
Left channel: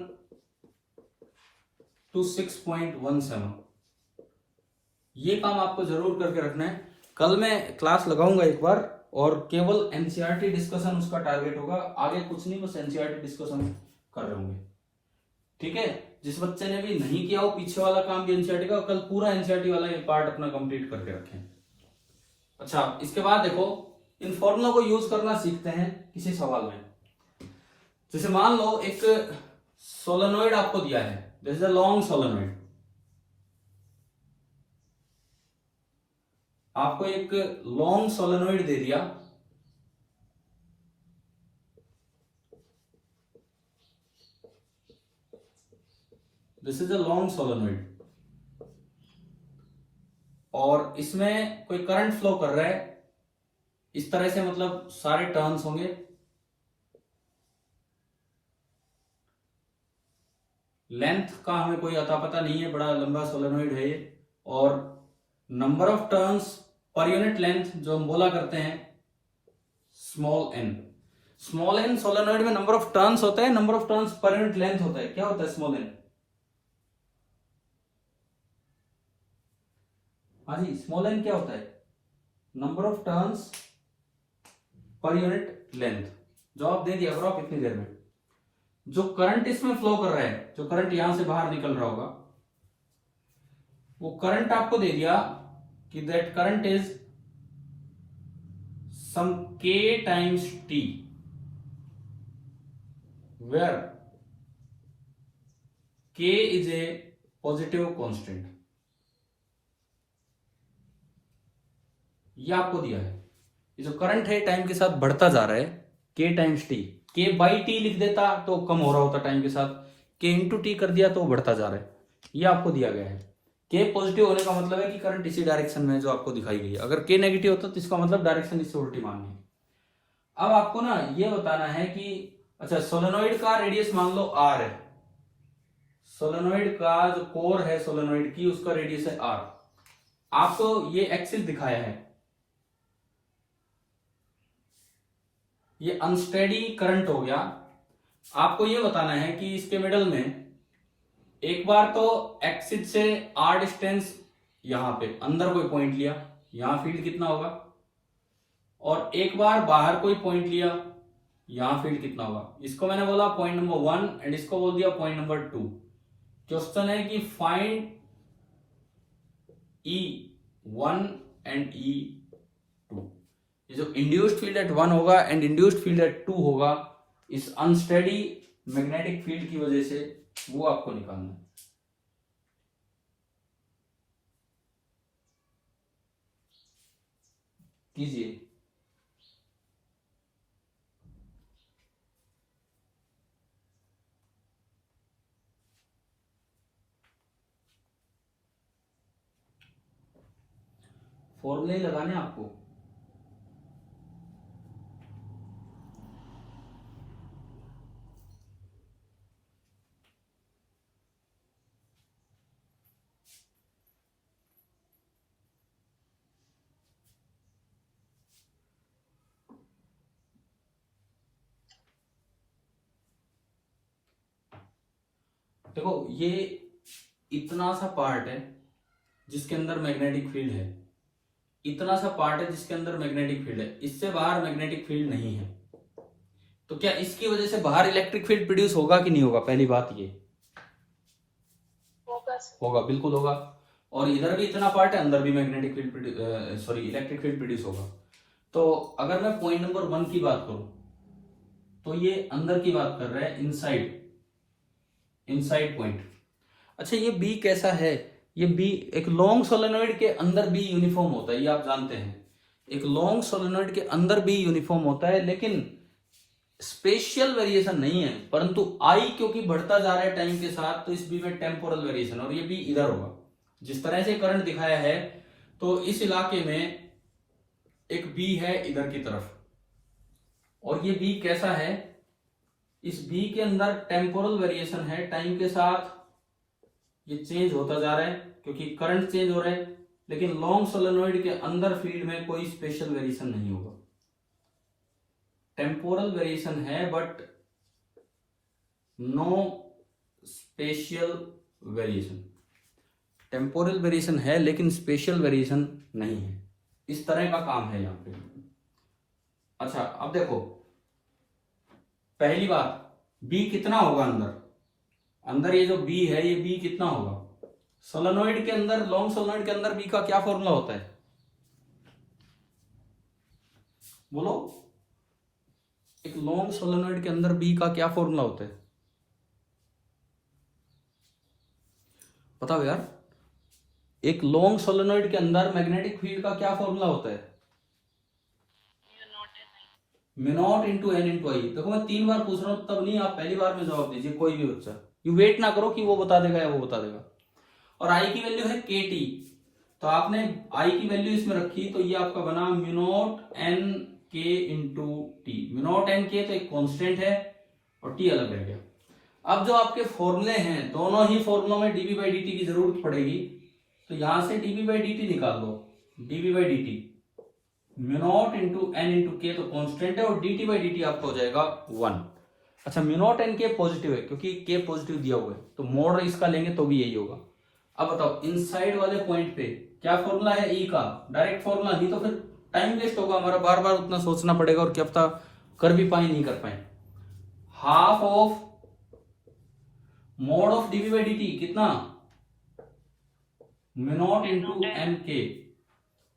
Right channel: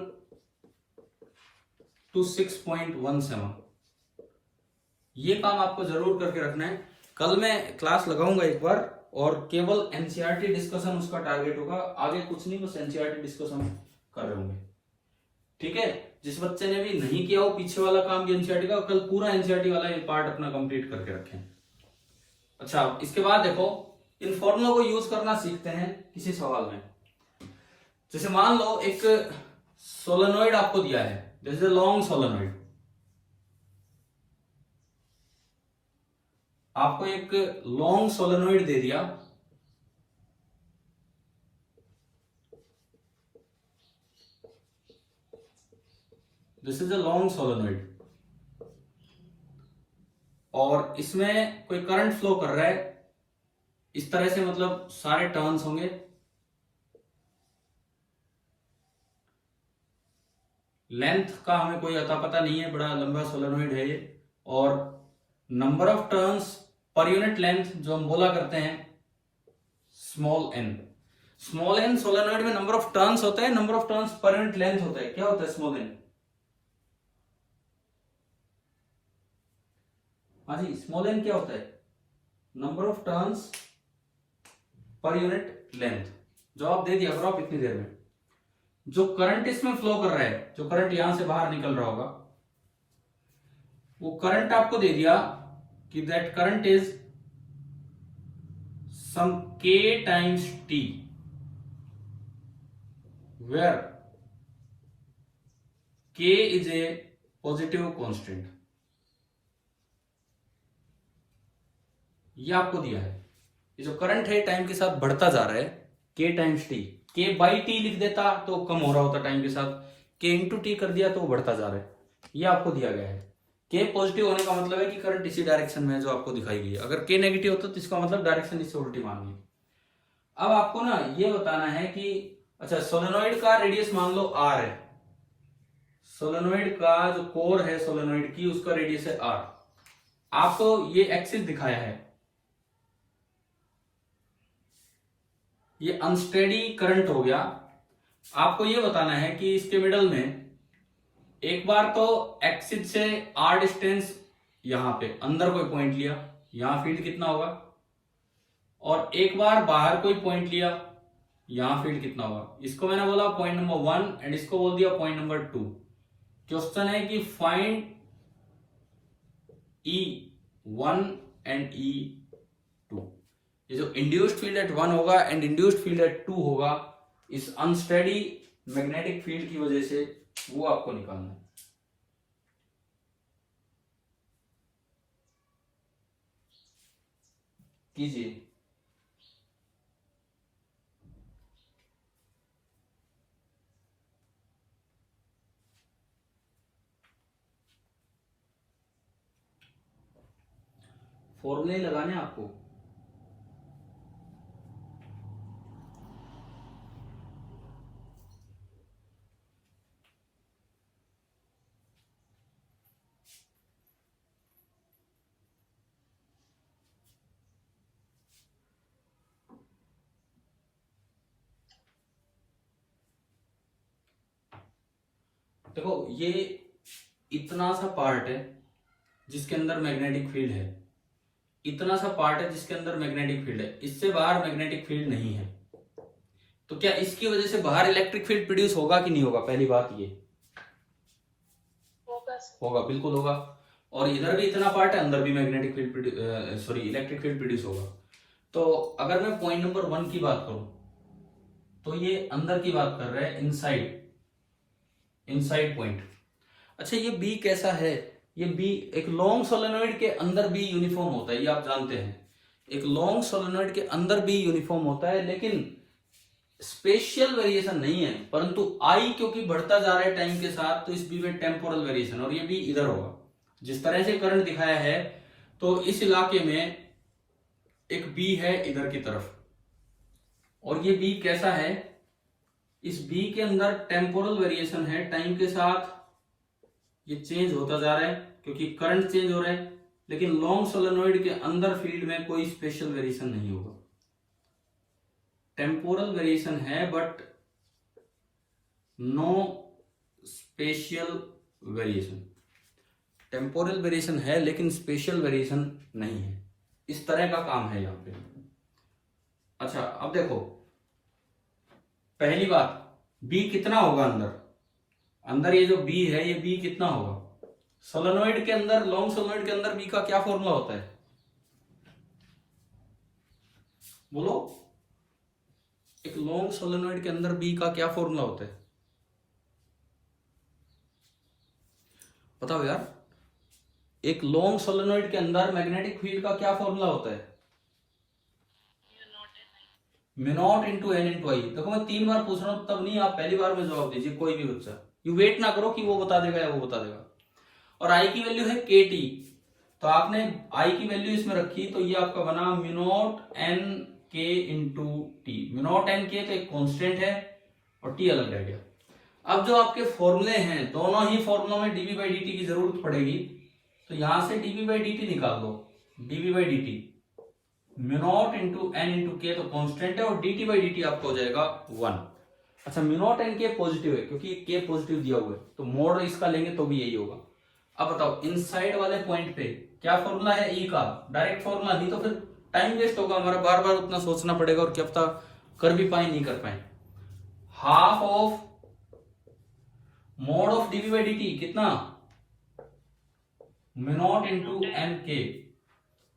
to 6.17, ये काम आपको जरूर करके रखना है। कल मैं क्लास लगाऊंगा एक बार, और केवल एनसीईआरटी डिस्कशन उसका टारगेट होगा, आगे कुछ नहीं, बस एनसीईआरटी डिस्कशन कर रहे होंगे। ठीक है। जिस बच्चे ने भी नहीं किया वो पीछे वाला काम भी एनसीईआरटी का, कल पूरा एनसीईआरटी वाला ये पार्ट अपना कंप्लीट करके रखें। अच्छा इसके बाद देखो इन फॉर्मूलों को यूज करना सीखते हैं किसी सवाल में। जैसे मान लो एक सोलेनोइड आपको दिया है, this is a long solenoid. आपको एक लॉन्ग सोलेनोइड दे दिया, this is a long solenoid, और इसमें कोई करंट फ्लो कर रहा है इस तरह से, मतलब सारे टर्न्स होंगे। लेंथ का हमें कोई अता पता नहीं है, बड़ा लंबा सोलेनोइड है ये, और number of turns per unit length जो हम बोला करते हैं small n. Small n solenoid में नंबर ऑफ टर्न्स होता है, number of turns per unit length होता है। क्या होता है स्मॉल एन? हाँ जी स्मॉल एन क्या होता है? Number of turns per unit length. जवाब दे दिया करो आप इतनी देर में। जो करंट इसमें फ्लो कर रहा है, जो करंट यहां से बाहर निकल रहा होगा, वो करंट आपको दे दिया कि that current is some k times t, where k is a positive constant. ये आपको दिया है, ये जो करंट है टाइम के साथ बढ़ता जा रहा है, k times t, k by T लिख देता तो कम हो रहा होता टाइम के साथ, k इंटू टी कर दिया तो बढ़ता जा रहा है। ये आपको दिया गया है। k पॉजिटिव होने का मतलब है कि करंट इसी डायरेक्शन में है जो आपको दिखाई गई है। अगर k नेगेटिव होता तो इसका मतलब डायरेक्शन इससे उल्टी माननी है। अब आपको ना ये बताना है कि अच्छा सोलेनोइड का रेडियस मान लो r है, सोलेनोइड का जो कोर है सोलेनोइड की उसका रेडियस है r। आपको ये एक्सिस दिखाया है, ये अनस्टेडी करंट हो गया। आपको ये बताना है कि इसके मिडल में एक बार तो एक्सिस से r डिस्टेंस यहां पे अंदर कोई पॉइंट लिया, यहां फील्ड कितना होगा, और एक बार बाहर कोई पॉइंट लिया, यहां फील्ड कितना होगा। इसको मैंने बोला पॉइंट नंबर 1 एंड इसको बोल दिया पॉइंट नंबर 2। क्वेश्चन है कि फाइंड E1 एंड E2। ये जो इंड्यूस्ड फील्ड एट 1 होगा एंड इंड्यूस्ड फील्ड एट 2 होगा, इस अनस्टेडी मैग्नेटिक फील्ड की वजह से वो आपको निकालना है। कीजिए। फॉर्मूले लगाने आपको। देखो ये इतना सा पार्ट है जिसके अंदर मैग्नेटिक फील्ड है, इतना सा पार्ट है जिसके अंदर मैग्नेटिक फील्ड है, इससे बाहर मैग्नेटिक फील्ड नहीं है। तो क्या इसकी वजह से बाहर इलेक्ट्रिक फील्ड प्रोड्यूस होगा कि नहीं होगा? पहली बात ये होगा, बिल्कुल होगा। और इधर भी इतना पार्ट है, अंदर भी magnetic field sorry electric field produce होगा। तो अगर मैं पॉइंट नंबर 1 की बात करूं तो ये अंदर की बात कर रहा है, इनसाइड पॉइंट। अच्छा ये बी कैसा है? ये बी एक लॉन्ग सोलेनोइड के अंदर भी यूनिफॉर्म होता है, ये आप जानते हैं। एक लॉन्ग सोलेनोइड के अंदर भी यूनिफॉर्म होता है, लेकिन स्पेशियल वेरिएशन नहीं है। परंतु आई क्योंकि बढ़ता जा रहा है टाइम के साथ, तो इस बी में टेम्पोरल वेरिएशन, और ये बी इधर होगा। जिस तरह से करंट दिखाया है तो इस इलाके में एक बी है इधर की तरफ, और ये बी कैसा है? इस बी के अंदर टेम्पोरल वेरिएशन है, टाइम के साथ ये चेंज होता जा रहा है क्योंकि करंट चेंज हो रहा है। लेकिन लॉन्ग सोलेनोइड के अंदर फील्ड में कोई स्पेशल वेरिएशन नहीं होगा। टेम्पोरल वेरिएशन है but no spatial variation. Temporal variation है लेकिन स्पेशल वेरिएशन नहीं है। इस तरह का काम है यहां पे। अच्छा अब देखो, पहली बात बी कितना होगा अंदर ये जो बी है, ये बी कितना होगा? सोलेनोइड के अंदर, लॉन्ग सोलेनोइड के अंदर बी का क्या फॉर्मूला होता है? बोलो, एक लॉन्ग सोलेनोइड के अंदर बी का क्या फॉर्मूला होता है? बताओ यार, एक लॉन्ग सोलेनोइड के अंदर मैग्नेटिक फील्ड का क्या फॉर्मूला होता है? Mu not into N into I. देखो मैं 3 बार पूछ रहा हूं, तब नहीं आप पहली बार में जवाब दीजिए, कोई भी बच्चा। यू वेट ना करो कि वो बता देगा या वो बता देगा। और आई की वैल्यू है के टी, तो आपने आई की वैल्यू इसमें रखी, तो ये आपका बना म्यू नॉट एन के into T. Mu naught N के तो एक कॉन्स्टेंट है और टी अलग रह गया। अब जो आपके फॉर्मूले हैं, दोनों ही फॉर्मूलों में डीवी बाई डी टी की जरूरत पड़ेगी, तो यहां से डीवी बाई डी टी निकाल लो। D V by D T mu not into N into K तो कॉन्स्टेंट है, और D T by D T आपको हो जाएगा 1। अच्छा mu naught N K positive है क्योंकि के पॉजिटिव दिया हुआ है, तो मोड इसका लेंगे तो भी यही होगा। अब बताओ इनसाइड वाले पॉइंट पे क्या फॉर्मूला है? ई का डायरेक्ट फॉर्मूला, नहीं तो फिर टाइम वेस्ट होगा हमारा, बार बार उतना सोचना पड़ेगा, और क्या पता कर भी पाए नहीं कर पाए। Half of mod of dv by D t कितना? म्यू नॉट इंटू एम के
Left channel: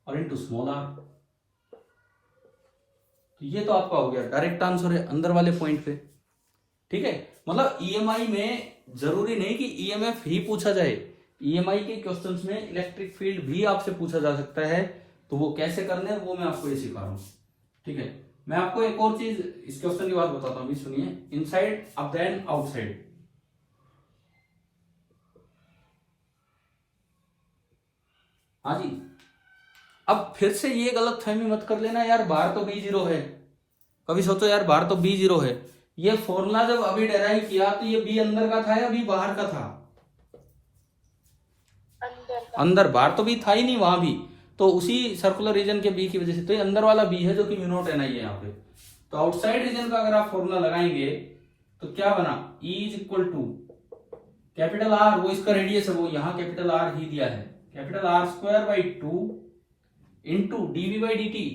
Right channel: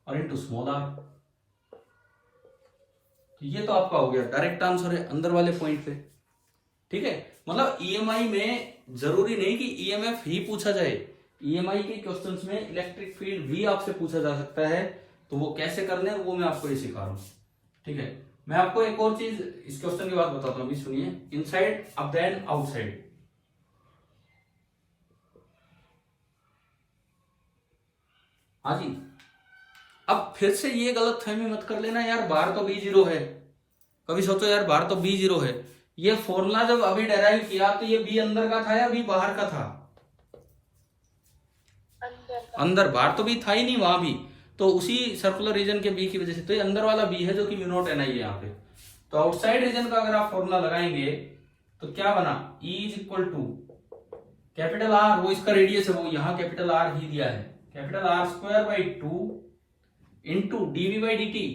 और इंटू स्मॉल आर। तो ये तो आपका हो गया डायरेक्ट आंसर है अंदर वाले पॉइंट पे। ठीक है, मतलब ईएमआई में जरूरी नहीं कि ईएमएफ ही पूछा जाए, ईएमआई के क्वेश्चंस में इलेक्ट्रिक फील्ड भी आपसे पूछा जा सकता है। तो वो कैसे करने हैं वो मैं आपको ये सिखा रहा हूं। ठीक है, मैं आपको एक और चीज इस क्वेश्चन की बात बताता हूं, सुनिए। इनसाइड अब देन आउटसाइड। हाँ जी, अब फिर से ये गलत फहमी मत कर लेना यार, बाहर तो बी जीरो है। कभी सोचो यार बाहर तो बी जीरो है, ये फॉर्मूला जब अभी डेराइव किया तो ये बी अंदर का था या बी बाहर का था? अंदर, बाहर तो बी था ही नहीं वहां भी। तो उसी सर्कुलर रीजन के बी की वजह से तो ये अंदर वाला बी है जो कि म्यू नॉट एन आई है यहाँ पे। तो आउटसाइड रीजन का अगर आप फॉर्मूला लगाएंगे तो क्या बना, E is equal to capital r, वो इसका रेडियस है, वो यहाँ कैपिटल आर ही दिया है, capital r square by 2 into dv by D t,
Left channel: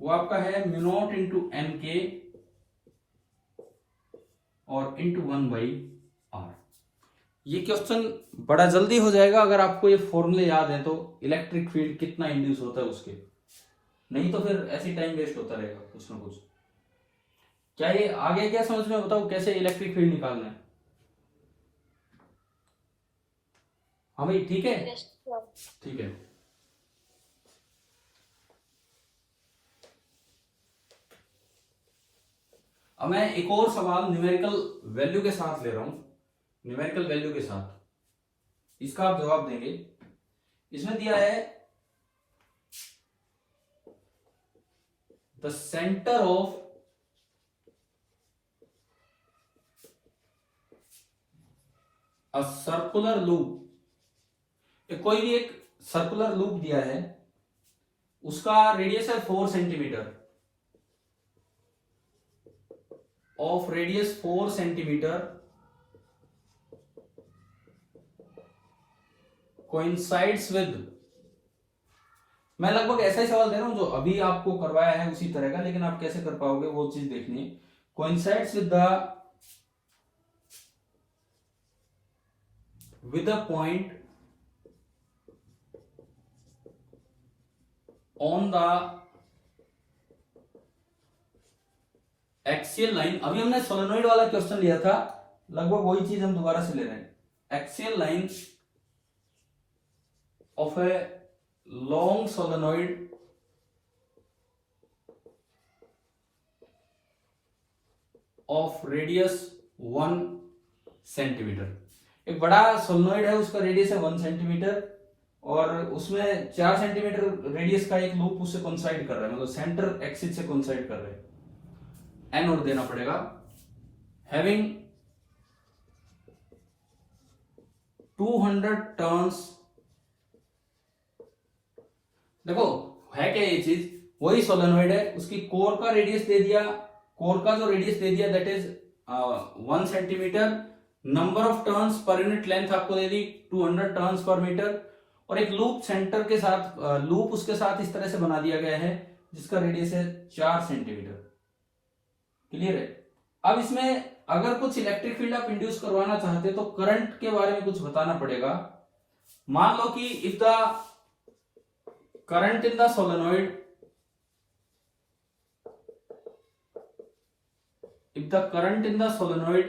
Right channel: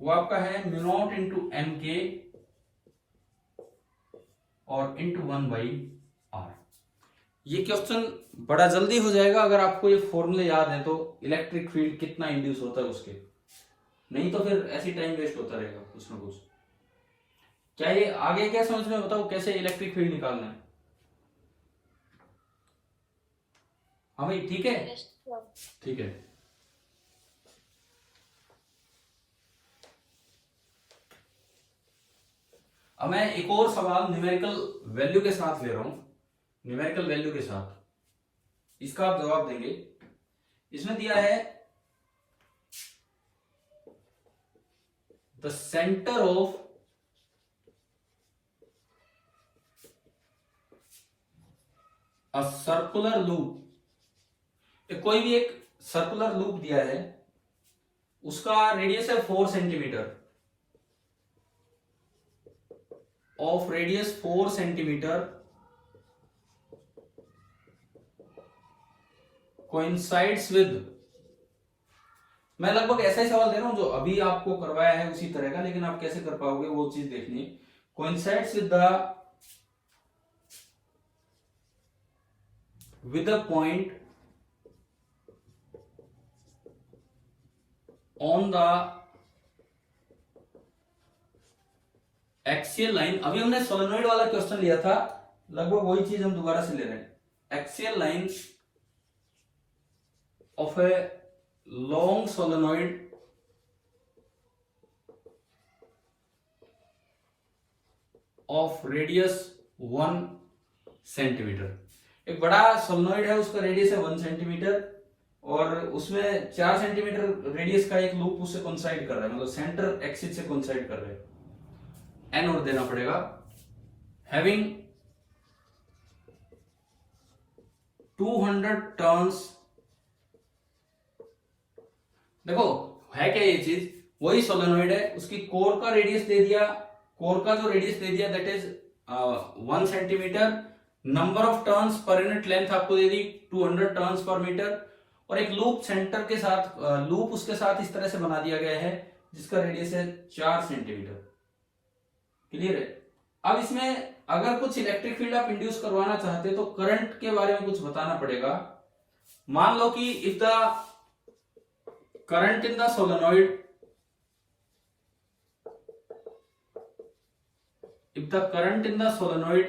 वो आपका है म्यू नॉट इंटू एम के और इंटू 1/r। ये क्वेश्चन बड़ा जल्दी हो जाएगा अगर आपको ये फॉर्मूले याद है तो, इलेक्ट्रिक फील्ड कितना इंड्यूस होता है उसके। नहीं तो फिर ऐसी टाइम वेस्ट होता रहेगा कुछ ना कुछ। क्या ये आगे क्या समझ में, बताओ कैसे इलेक्ट्रिक फील्ड निकालना है? हाँ भाई, ठीक है, ठीक है। अब मैं एक और सवाल न्यूमेरिकल वैल्यू के साथ ले रहा हूं, न्यूमेरिकल वैल्यू के साथ, इसका आप जवाब देंगे। इसमें दिया है the centre of a circular loop. कोई भी एक सर्कुलर लूप दिया है, उसका रेडियस है 4 centimetre, of radius 4 centimetre, coincides with, मैं लगभग ऐसे ही सवाल दे रहा हूं जो अभी आपको करवाया है उसी तरह का, लेकिन आप कैसे कर पाओगे वो चीज देखनी। Coincides with the point on the axial line. अभी हमने सोलेनोइड वाला क्वेश्चन लिया था, लगभग वही चीज हम दोबारा से ले रहे हैं। Axial line of a long solenoid of radius 1 centimetre. एक बड़ा सोलेनोइड है, उसका रेडियस है 1 सेंटीमीटर और उसमें 4 सेंटीमीटर रेडियस का एक लूप उससे कोइंसाइड कर रहा है, मतलब सेंटर एक्सिस से कोइंसाइड कर रहे हैं। एन और देना पड़ेगा। Having 200 turns. देखो है क्या ये चीज, वही सोलेनोइड है, उसकी कोर का रेडियस दे दिया, कोर का जो रेडियस दे दिया that is 1 centimetre, number of turns per unit length आपको दे दी 200 टर्न्स पर मीटर, और एक लूप सेंटर के साथ, लूप उसके साथ इस तरह से बना दिया गया है जिसका रेडियस है 4 सेंटीमीटर। क्लियर है? अब इसमें अगर कुछ इलेक्ट्रिक फील्ड आप इंड्यूस करवाना चाहते तो करंट के बारे में कुछ बताना पड़ेगा। मान लो कि if the current in the solenoid, if the current in the solenoid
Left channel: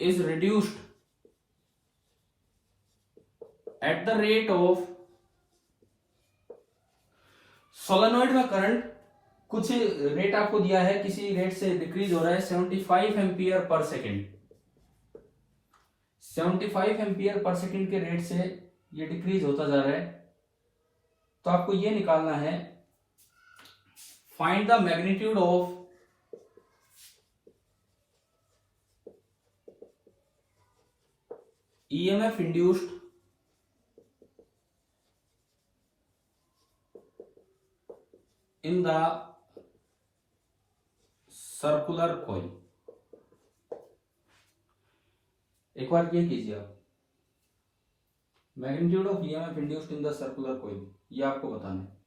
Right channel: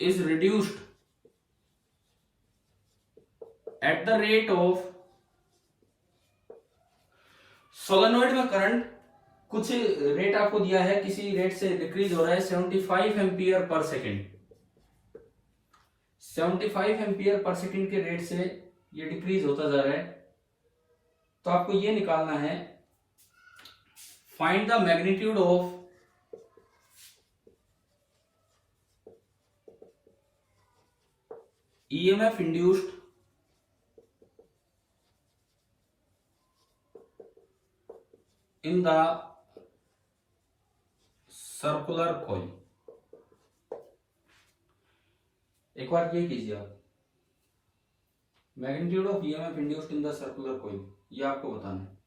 is reduced at the rate of, solenoid में करंट कुछ रेट आपको दिया है, किसी रेट से डिक्रीज हो रहा है 75 ampere per second, 75 ampere per second के रेट से ये डिक्रीज होता जा रहा है। तो आपको ये निकालना है, find the magnitude of EMF induced in the circular coil। एक बार ये कीजिए आप, magnitude of EMF induced in the circular coil, ये आपको बताना है।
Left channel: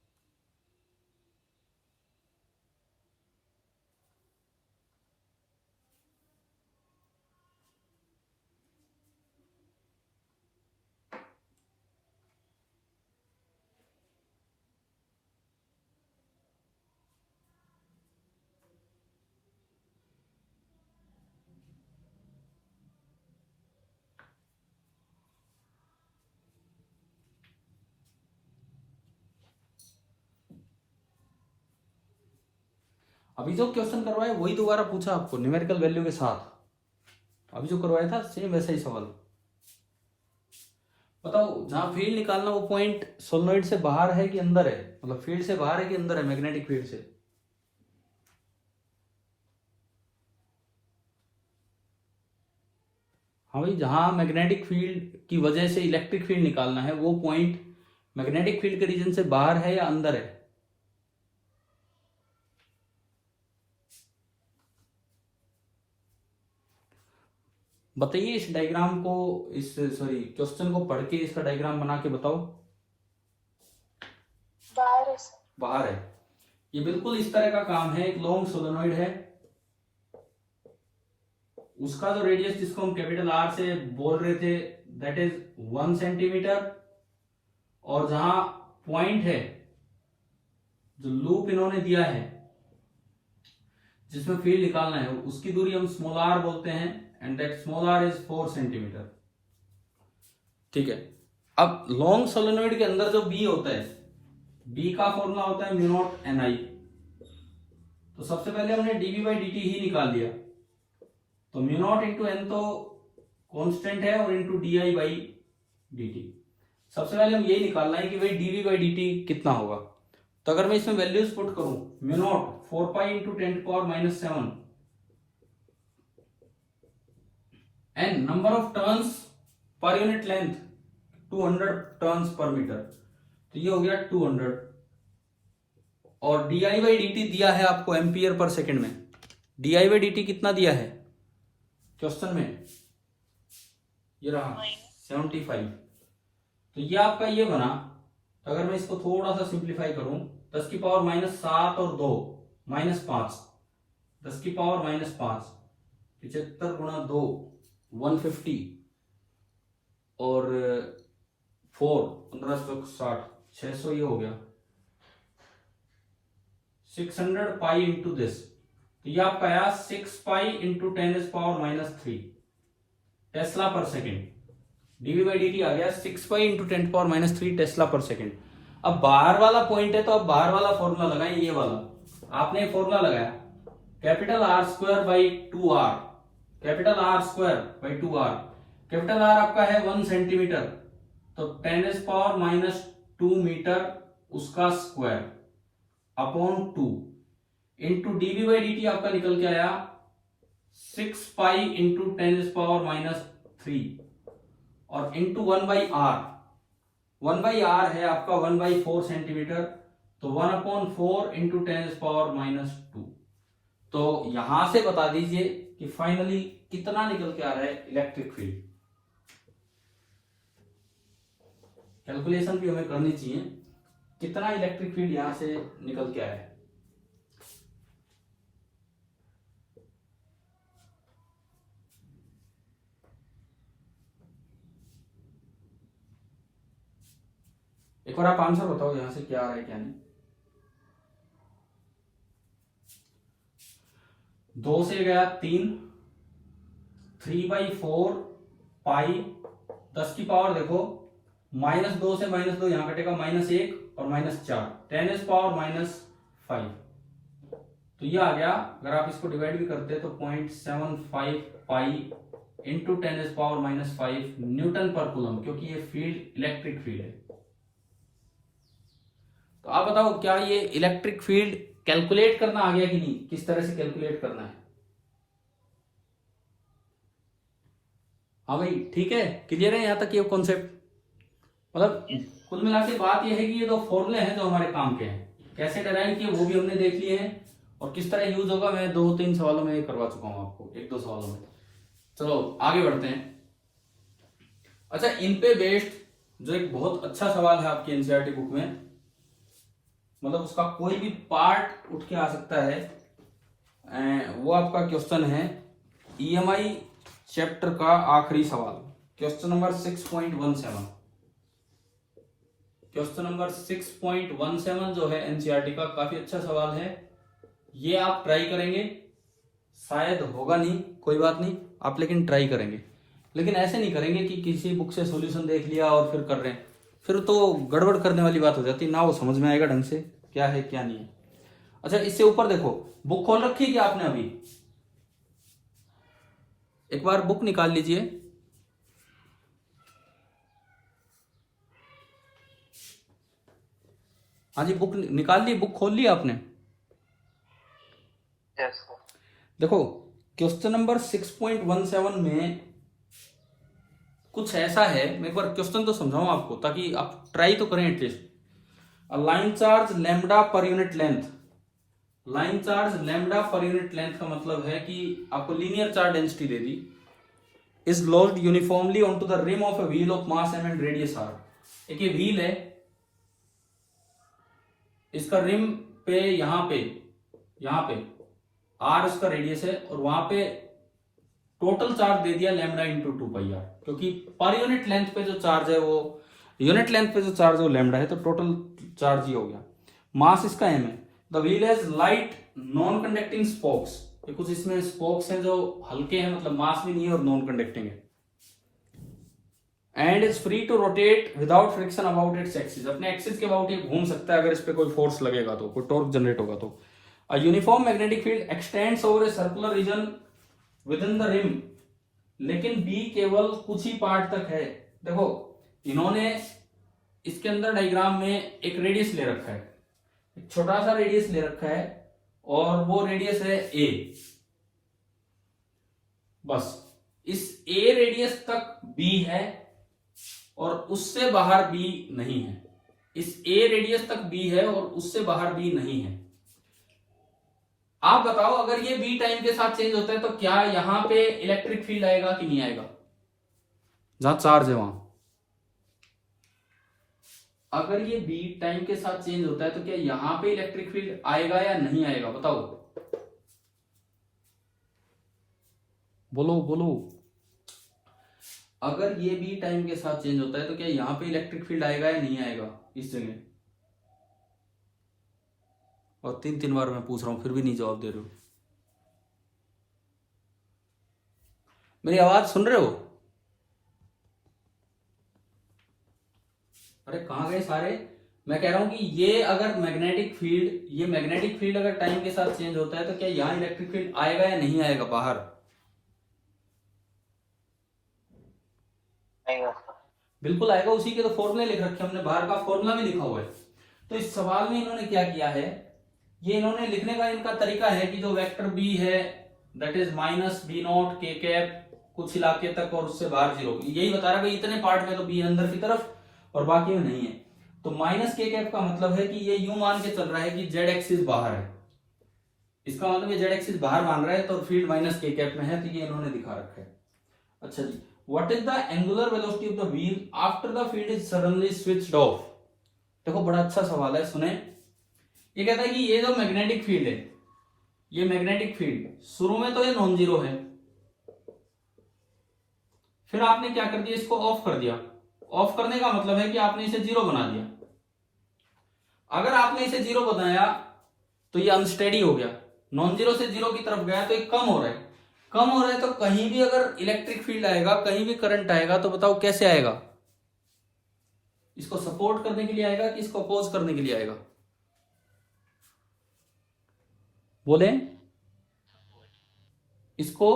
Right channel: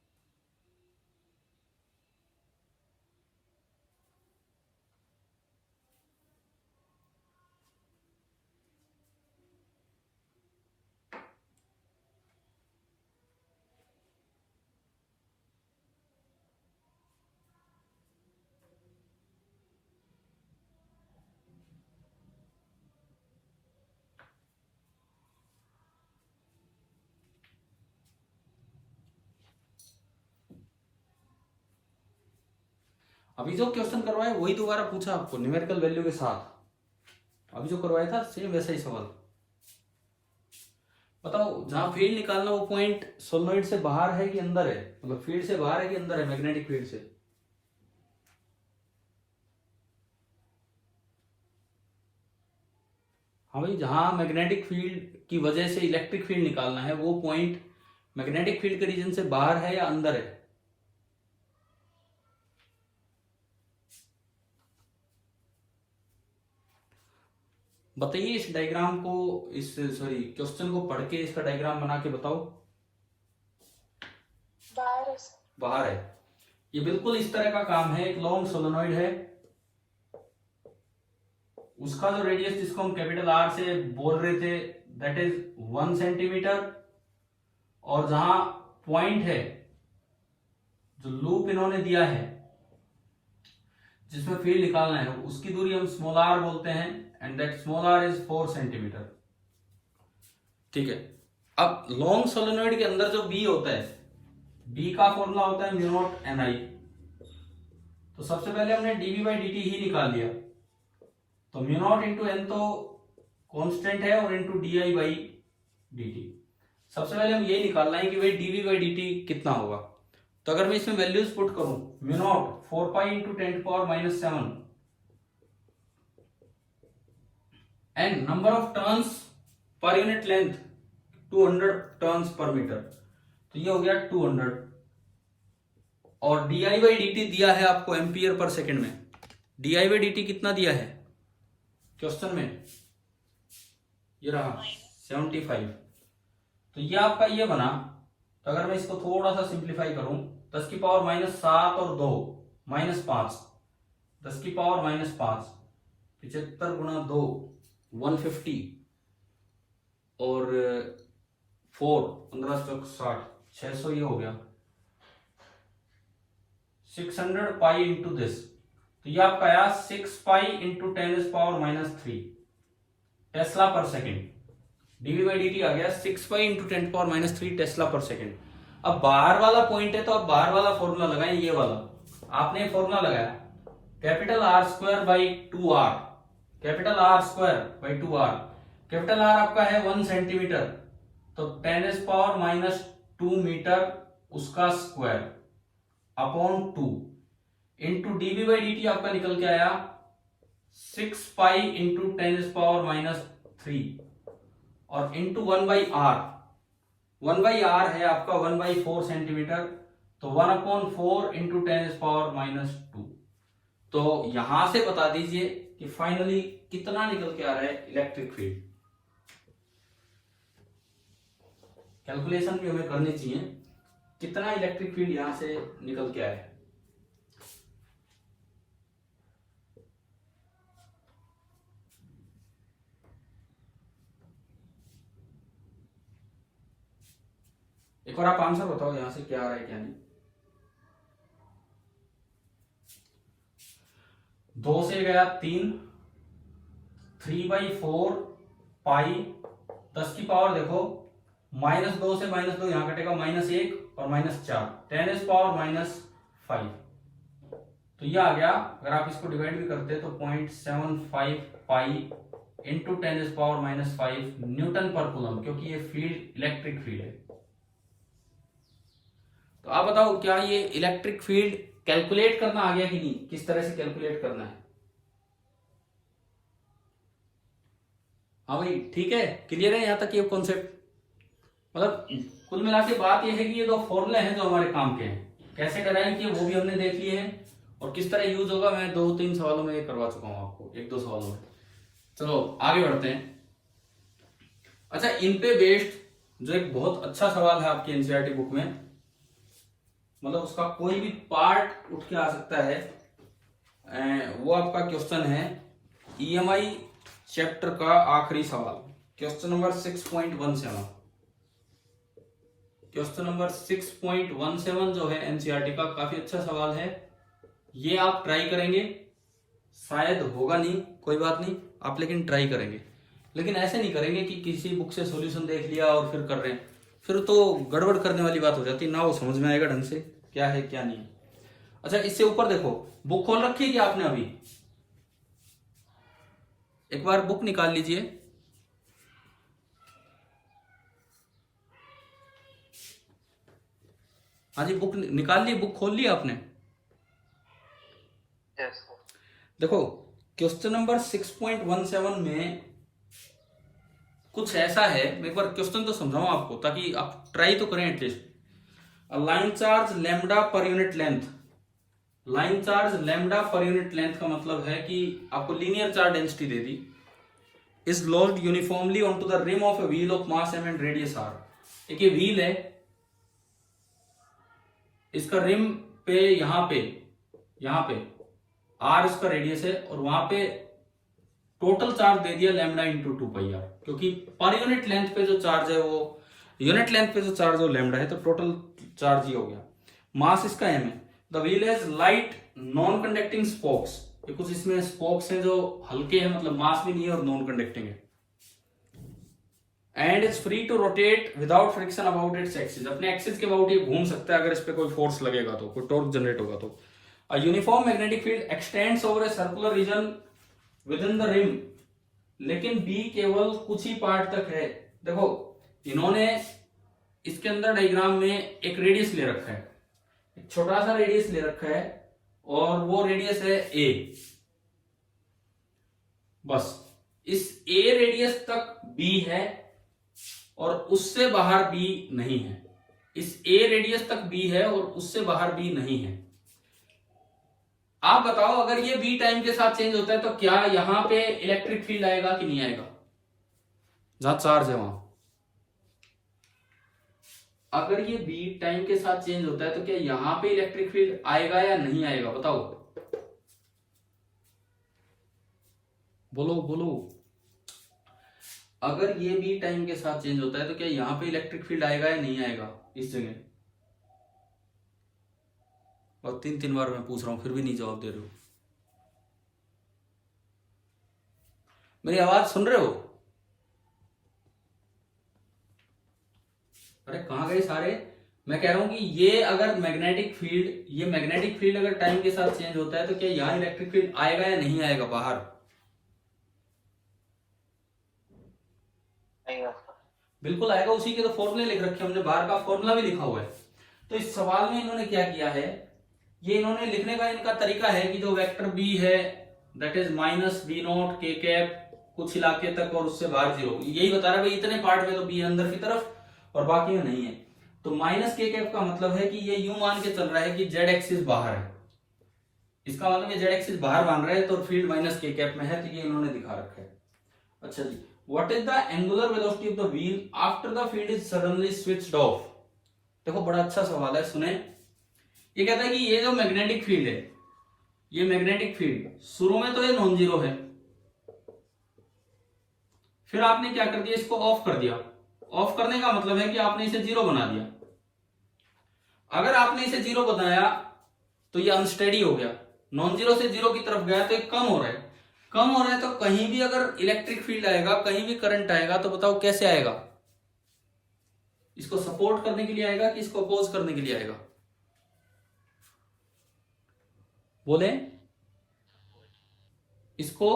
अभी जो क्वेश्चन करवाया वही दोबारा पूछा आपको न्यूमेरिकल वैल्यू के साथ, अभी जो करवाया था सेम वैसा ही सवाल। बताओ जहां फील्ड निकालना वो पॉइंट सोलेनोइड से बाहर है कि अंदर है, मतलब फील्ड से बाहर है कि अंदर है, मैग्नेटिक फील्ड से। हाँ भाई, जहां मैग्नेटिक फील्ड की वजह से इलेक्ट्रिक फील्ड निकालना है वो पॉइंट मैग्नेटिक फील्ड के रीजन से बाहर है या अंदर है। बताइए इस डायग्राम को, इस सॉरी क्वेश्चन को पढ़ के इसका डायग्राम बना के बताओ। बाहर है सर। बाहर है। ये बिल्कुल इस तरह का काम है, एक लॉन्ग सोलेनोइड है, उसका जो रेडियस जिसको हम कैपिटल आर से बोल रहे थे दैट इज 1 सेंटीमीटर, और जहां पॉइंट है जो लूप इन्होंने दिया है जिसमें फील्ड निकालना है उसकी दूरी हम स्मॉल आर बोलते हैं, and that small r is 4 centimetre. ठीक है, अब लॉन्ग सोलेनोइड के अंदर जो बी होता है, बी का फॉर्मूला होता है म्यू नॉट एन आई। तो सबसे पहले हमने डीवी बाई डी टी ही निकाल लिया, तो म्यू नॉट इंटू एन तो कांस्टेंट है और into D i by D T. सबसे पहले हम यही निकालना है कि भाई डीवी बाई डी टी कितना होगा। तो अगर मैं इसमें वैल्यूज पुट करूं, mu nought 4 pi into 10⁻⁻⁷ and number of turns per unit length 200 turns per metre, तो ये हो गया 200। और d i by D t दिया है आपको एम्पियर पर सेकेंड में। D i by D t कितना दिया है क्वेश्चन में, ये रहा 75। तो ये आपका ये बना। तो अगर मैं इसको थोड़ा सा सिंप्लीफाई करूं, 10 की पावर -7 और 2 -5, 10 की पावर -5, 75 गुणा 2 150 और 4 1560 600, ये हो गया 600 पाई इंटू दिस। तो ये आपका आया 6 pi into 10⁻³ tesla per second. D V by D T आ गया 6 pi into 10⁻³ tesla per second. अब बाहर वाला पॉइंट है तो अब बाहर वाला फॉर्मूला लगाएं, ये वाला आपने फॉर्मूला लगाया capital r square by 2r, capital r square by 2r। Capital r आपका है 1 सेंटीमीटर, तो 10⁻² मीटर उसका square upon 2 into dv by D t आपका निकल के आया 6 पाई इंटू 10⁻³ और इंटू 1/r। 1/r है आपका 1/4 सेंटीमीटर, तो 1/4 इंटू 10⁻²। तो यहां से बता दीजिए कि फाइनली कितना निकल के आ रहा है इलेक्ट्रिक फील्ड। कैलकुलेशन भी हमें करनी चाहिए, कितना इलेक्ट्रिक फील्ड यहां से निकल के आया है। एक और आप आंसर बताओ यहां से क्या आ रहा है क्या नहीं। 2 से गया 3, 3/4 पाई, 10 की पावर देखो -2 से -2 यहां कटेगा -1 और -4 10⁻⁵। तो ये आ गया, अगर आप इसको डिवाइड भी करते हैं तो 0.75 पाई इंटू 10⁻⁵ न्यूटन पर कूलम, क्योंकि ये फील्ड इलेक्ट्रिक फील्ड है। तो आप बताओ क्या ये इलेक्ट्रिक फील्ड कैलकुलेट करना आ गया कि नहीं, किस तरह से कैलकुलेट करना है। हाँ भाई ठीक है, क्लियर है यहाँ तक ये कॉन्सेप्ट। मतलब कुल मिला के बात ये है कि ये दो फॉर्मूले हैं जो हमारे काम के हैं, कैसे डिराइव किए वो भी हमने देख लिए हैं, और किस तरह यूज होगा मैं 2-3 सवालों में ये करवा चुका हूं आपको, 1-2 सवालों में। चलो आगे बढ़ते हैं। अच्छा, इन पे बेस्ड जो एक बहुत अच्छा सवाल है आपकी एनसीईआरटी बुक में, मतलब उसका कोई भी पार्ट उठ के आ सकता है, वो आपका क्वेश्चन है ईएमआई चैप्टर का आखिरी सवाल, क्वेश्चन नंबर 6.17। क्वेश्चन नंबर 6.17 जो है एनसीईआरटी का, काफी अच्छा सवाल है। ये आप ट्राई करेंगे, शायद होगा नहीं, कोई बात नहीं, आप लेकिन ट्राई करेंगे। लेकिन ऐसे नहीं करेंगे कि किसी बुक से सॉल्यूशन देख लिया और फिर कर रहे हैं, फिर तो गड़बड़ करने वाली बात हो जाती है ना, वो समझ में आएगा ढंग से क्या है क्या नहीं है। अच्छा इससे ऊपर देखो, बुक खोल रखी है क्या आपने अभी? एक बार बुक निकाल लीजिए। हाँ जी, बुक निकाल ली, बुक खोल ली आपने? Yes, sir. देखो क्वेश्चन नंबर 6.17 में कुछ ऐसा है, मैं एक बार क्वेश्चन तो समझाऊं आपको ताकि आप ट्राई तो करें at least. Line charge lambda per unit length, line charge lambda per unit length का मतलब है कि आपको लीनियर चार्ज डेंसिटी दे दी, is lost uniformly onto the rim of a wheel of mass m and radius r। एक ये wheel है, इसका रिम पे यहां पे r इसका रेडियस है, और वहां पे टोटल चार्ज दे दिया लैम्बडा इंटू 2πr, क्योंकि पर यूनिट लेंथ पे जो चार्ज है वो यूनिट लेंथ पे जो चार्ज है वो लैम्बडा है, तो टोटल चार्ज ही हो गया। मास इसका m है। The wheel has light non conducting spokes, कुछ इसमें स्पोक्स हैं जो हल्के हैं, मतलब मास भी नहीं है और नॉन कंडक्टिंग है। And is free to rotate without friction about its axis, अपने एक्सिस के अबाउट ये घूम सकता है अगर इस पे कोई फोर्स लगेगा तो, कोई टॉर्क जनरेट होगा तो। A uniform magnetic field extends over a circular region within the rim, लेकिन बी केवल कुछ ही पार्ट तक है। देखो इन्होंने इसके अंदर डायग्राम में एक रेडियस ले रखा है, एक छोटा सा रेडियस ले रखा है, और वो रेडियस है ए। बस इस ए रेडियस तक बी है और उससे बाहर बी नहीं है। इस ए रेडियस तक बी है और उससे बाहर बी नहीं है। आप बताओ अगर ये बी टाइम के साथ चेंज होता है तो क्या यहां पे इलेक्ट्रिक फील्ड आएगा कि नहीं आएगा? जहां चार्ज है वहां, अगर ये बी टाइम के साथ चेंज होता है तो क्या यहां पे इलेक्ट्रिक फील्ड आएगा या नहीं आएगा? बताओ, बोलो बोलो। अगर ये बी टाइम के साथ चेंज होता है तो क्या यहां पे इलेक्ट्रिक फील्ड आएगा या नहीं आएगा इस जगह? और 3 बार मैं पूछ रहा हूं फिर भी नहीं जवाब दे रहे हो। मेरी आवाज सुन रहे हो? अरे कहां गए सारे? मैं कह रहा हूं कि ये अगर मैग्नेटिक फील्ड अगर टाइम के साथ चेंज होता है तो क्या यहां इलेक्ट्रिक फील्ड आएगा या नहीं आएगा बाहर? बिल्कुल आएगा, उसी के तो फॉर्मूले लिख रखे हमने, बाहर का फॉर्मूला भी लिखा हुआ है। तो इस सवाल में इन्होंने क्या किया है, ये इन्होंने लिखने का इनका तरीका है कि जो वेक्टर बी है that is minus B nought के कैप कुछ इलाके तक और उससे बाहर 0, यही बता रहा है भाई इतने पार्ट में तो बी अंदर की तरफ और बाकी में नहीं है। तो माइनस के कैप का मतलब है कि ये यूं मान के चल रहा है कि जेड एक्सिस बाहर है, इसका मतलब ये जेड एक्सिस बाहर मान रहा है तो फील्ड माइनस के कैप में है, तो ये इन्होंने दिखा रखा है। अच्छा जी, what is the angular velocity of the wheel after the field is suddenly switched off? देखो बड़ा अच्छा सवाल है, सुने। ये कहता है कि ये जो मैग्नेटिक फील्ड है, ये मैग्नेटिक फील्ड शुरू में तो ये नॉन जीरो है, फिर आपने क्या कर दिया, इसको ऑफ कर दिया। ऑफ करने का मतलब है कि आपने इसे 0 बना दिया। अगर आपने इसे 0 बनाया तो ये अनस्टेडी हो गया, नॉन जीरो से 0 की तरफ गया तो ये कम हो रहा है। कम हो रहा है तो कहीं भी अगर इलेक्ट्रिक फील्ड आएगा, कहीं भी करंट आएगा, तो बताओ कैसे आएगा? इसको सपोर्ट करने के लिए आएगा कि इसको अपोज करने के लिए आएगा? बोले, इसको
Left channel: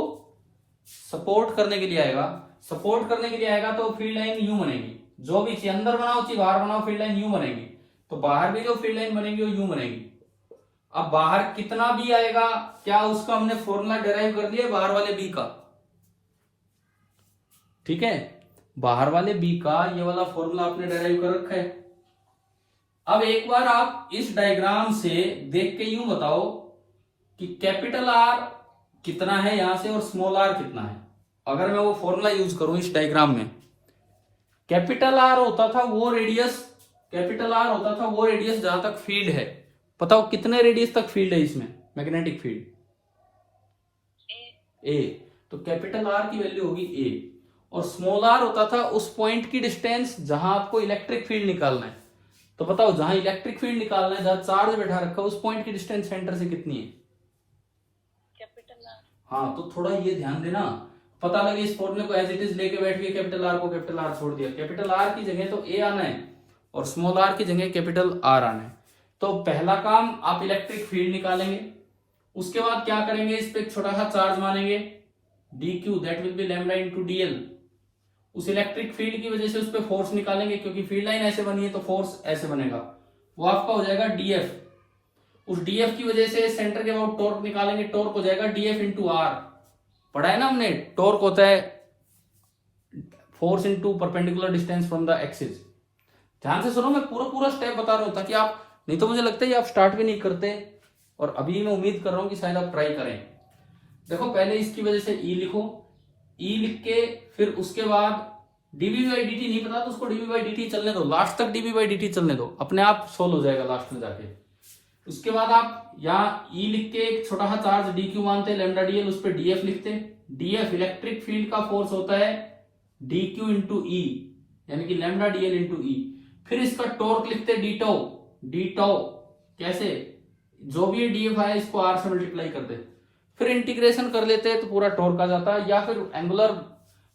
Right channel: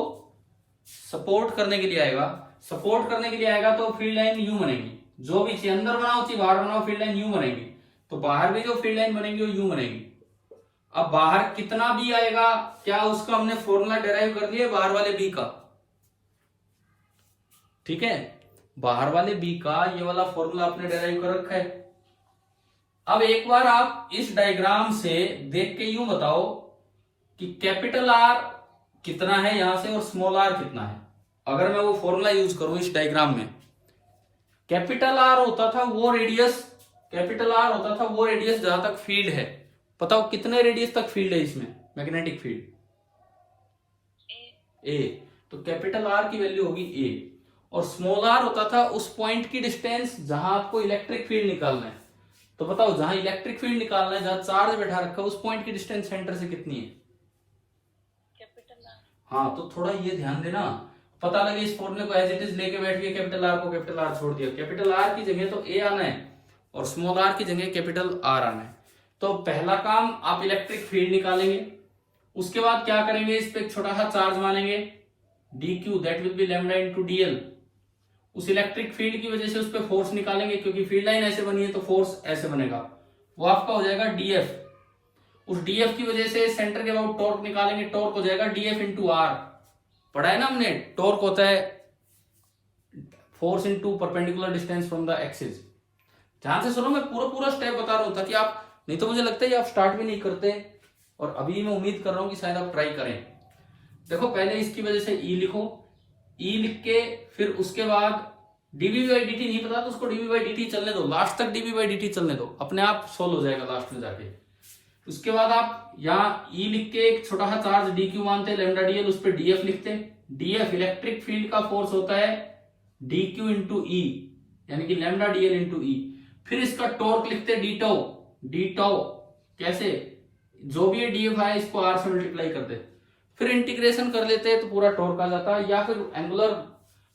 सपोर्ट करने के लिए आएगा। सपोर्ट करने के लिए आएगा तो फील्ड लाइन यूं बनेगी, जो भी चाहिए अंदर बनाओ चाहिए बाहर बनाओ, फील्ड लाइन यूं बनेगी। तो बाहर भी जो फील्ड लाइन बनेगी वो यूं बनेगी। अब बाहर कितना भी आएगा, क्या उसका हमने फॉर्मूला डिराइव कर दिया बाहर वाले बी का? ठीक है, बाहर वाले बी का ये वाला फॉर्मूला आपने डिराइव कर रखा है। अब एक बार आप इस डायग्राम से देख के यूं बताओ कि कैपिटल आर कितना है यहां से और स्मॉल आर कितना है। अगर मैं वो फॉर्मूला यूज करूं इस डायग्राम में, कैपिटल आर होता था वो रेडियस, जहां तक फील्ड है। बताओ कितने रेडियस तक फील्ड है इसमें मैग्नेटिक फील्ड? ए। तो कैपिटल आर की वैल्यू होगी ए, और स्मॉल आर होता था उस पॉइंट की डिस्टेंस जहां आपको इलेक्ट्रिक फील्ड निकालना है। तो बताओ जहां इलेक्ट्रिक फील्ड निकालना है, जहां चार्ज बैठा रखा है, उस पॉइंट की डिस्टेंस सेंटर से कितनी है? Capital are. हाँ, तो थोड़ा ये ध्यान देना, पता लगे इस फॉर्मूले को एज इट इज लेके बैठ गए, कैपिटल आर को कैपिटल आर छोड़ दिया। कैपिटल आर की जगह तो ए आना है और स्मॉल आर की जगह कैपिटल आर आना है। तो पहला काम आप इलेक्ट्रिक फील्ड निकालेंगे, उसके बाद क्या करेंगे, इस पे एक छोटा सा चार्ज मानेंगे dq, that will be lambda into dl। उस इलेक्ट्रिक फील्ड की वजह से उस पे फोर्स निकालेंगे, क्योंकि फील्ड लाइन ऐसे बनी है तो फोर्स ऐसे बनेगा, वो आपका हो जाएगा df। उस df की वजह से सेंटर के अबाउट टॉर्क निकालेंगे, टॉर्क हो जाएगा df इंटू आर। पढ़ा है ना हमने, टॉर्क होता है force into perpendicular distance from the axis. ध्यान से सुनो, मैं पूरा स्टेप बता रहा हूं ताकि आप, नहीं तो मुझे लगता है आप स्टार्ट भी नहीं करते, और अभी मैं उम्मीद कर रहा हूं कि शायद आप ट्राई करें। देखो पहले इसकी वजह से E लिखो, E लिख के फिर उसके बाद dv बाई dt नहीं पता तो उसको dv बाई dt चलने दो, लास्ट तक dv बाई dt चलने दो, अपने आप सोल्व हो जाएगा लास्ट में जाके। उसके बाद आप यहाँ E लिख के एक छोटा सा चार्ज dq मानते हैं, लैम्डा dl, उस पर df लिखते हैं। df इलेक्ट्रिक फील्ड का फोर्स होता है dq इंटू ई, यानी कि लैम्डा dl इंटू ई। फिर इसका टॉर्क लिखते हैं d टाउ, कैसे, जो भी ये df आया इसको r से मल्टीप्लाई कर दे, फिर इंटीग्रेशन कर लेते हैं तो पूरा टॉर्क आ जाता है। या फिर एंगुलर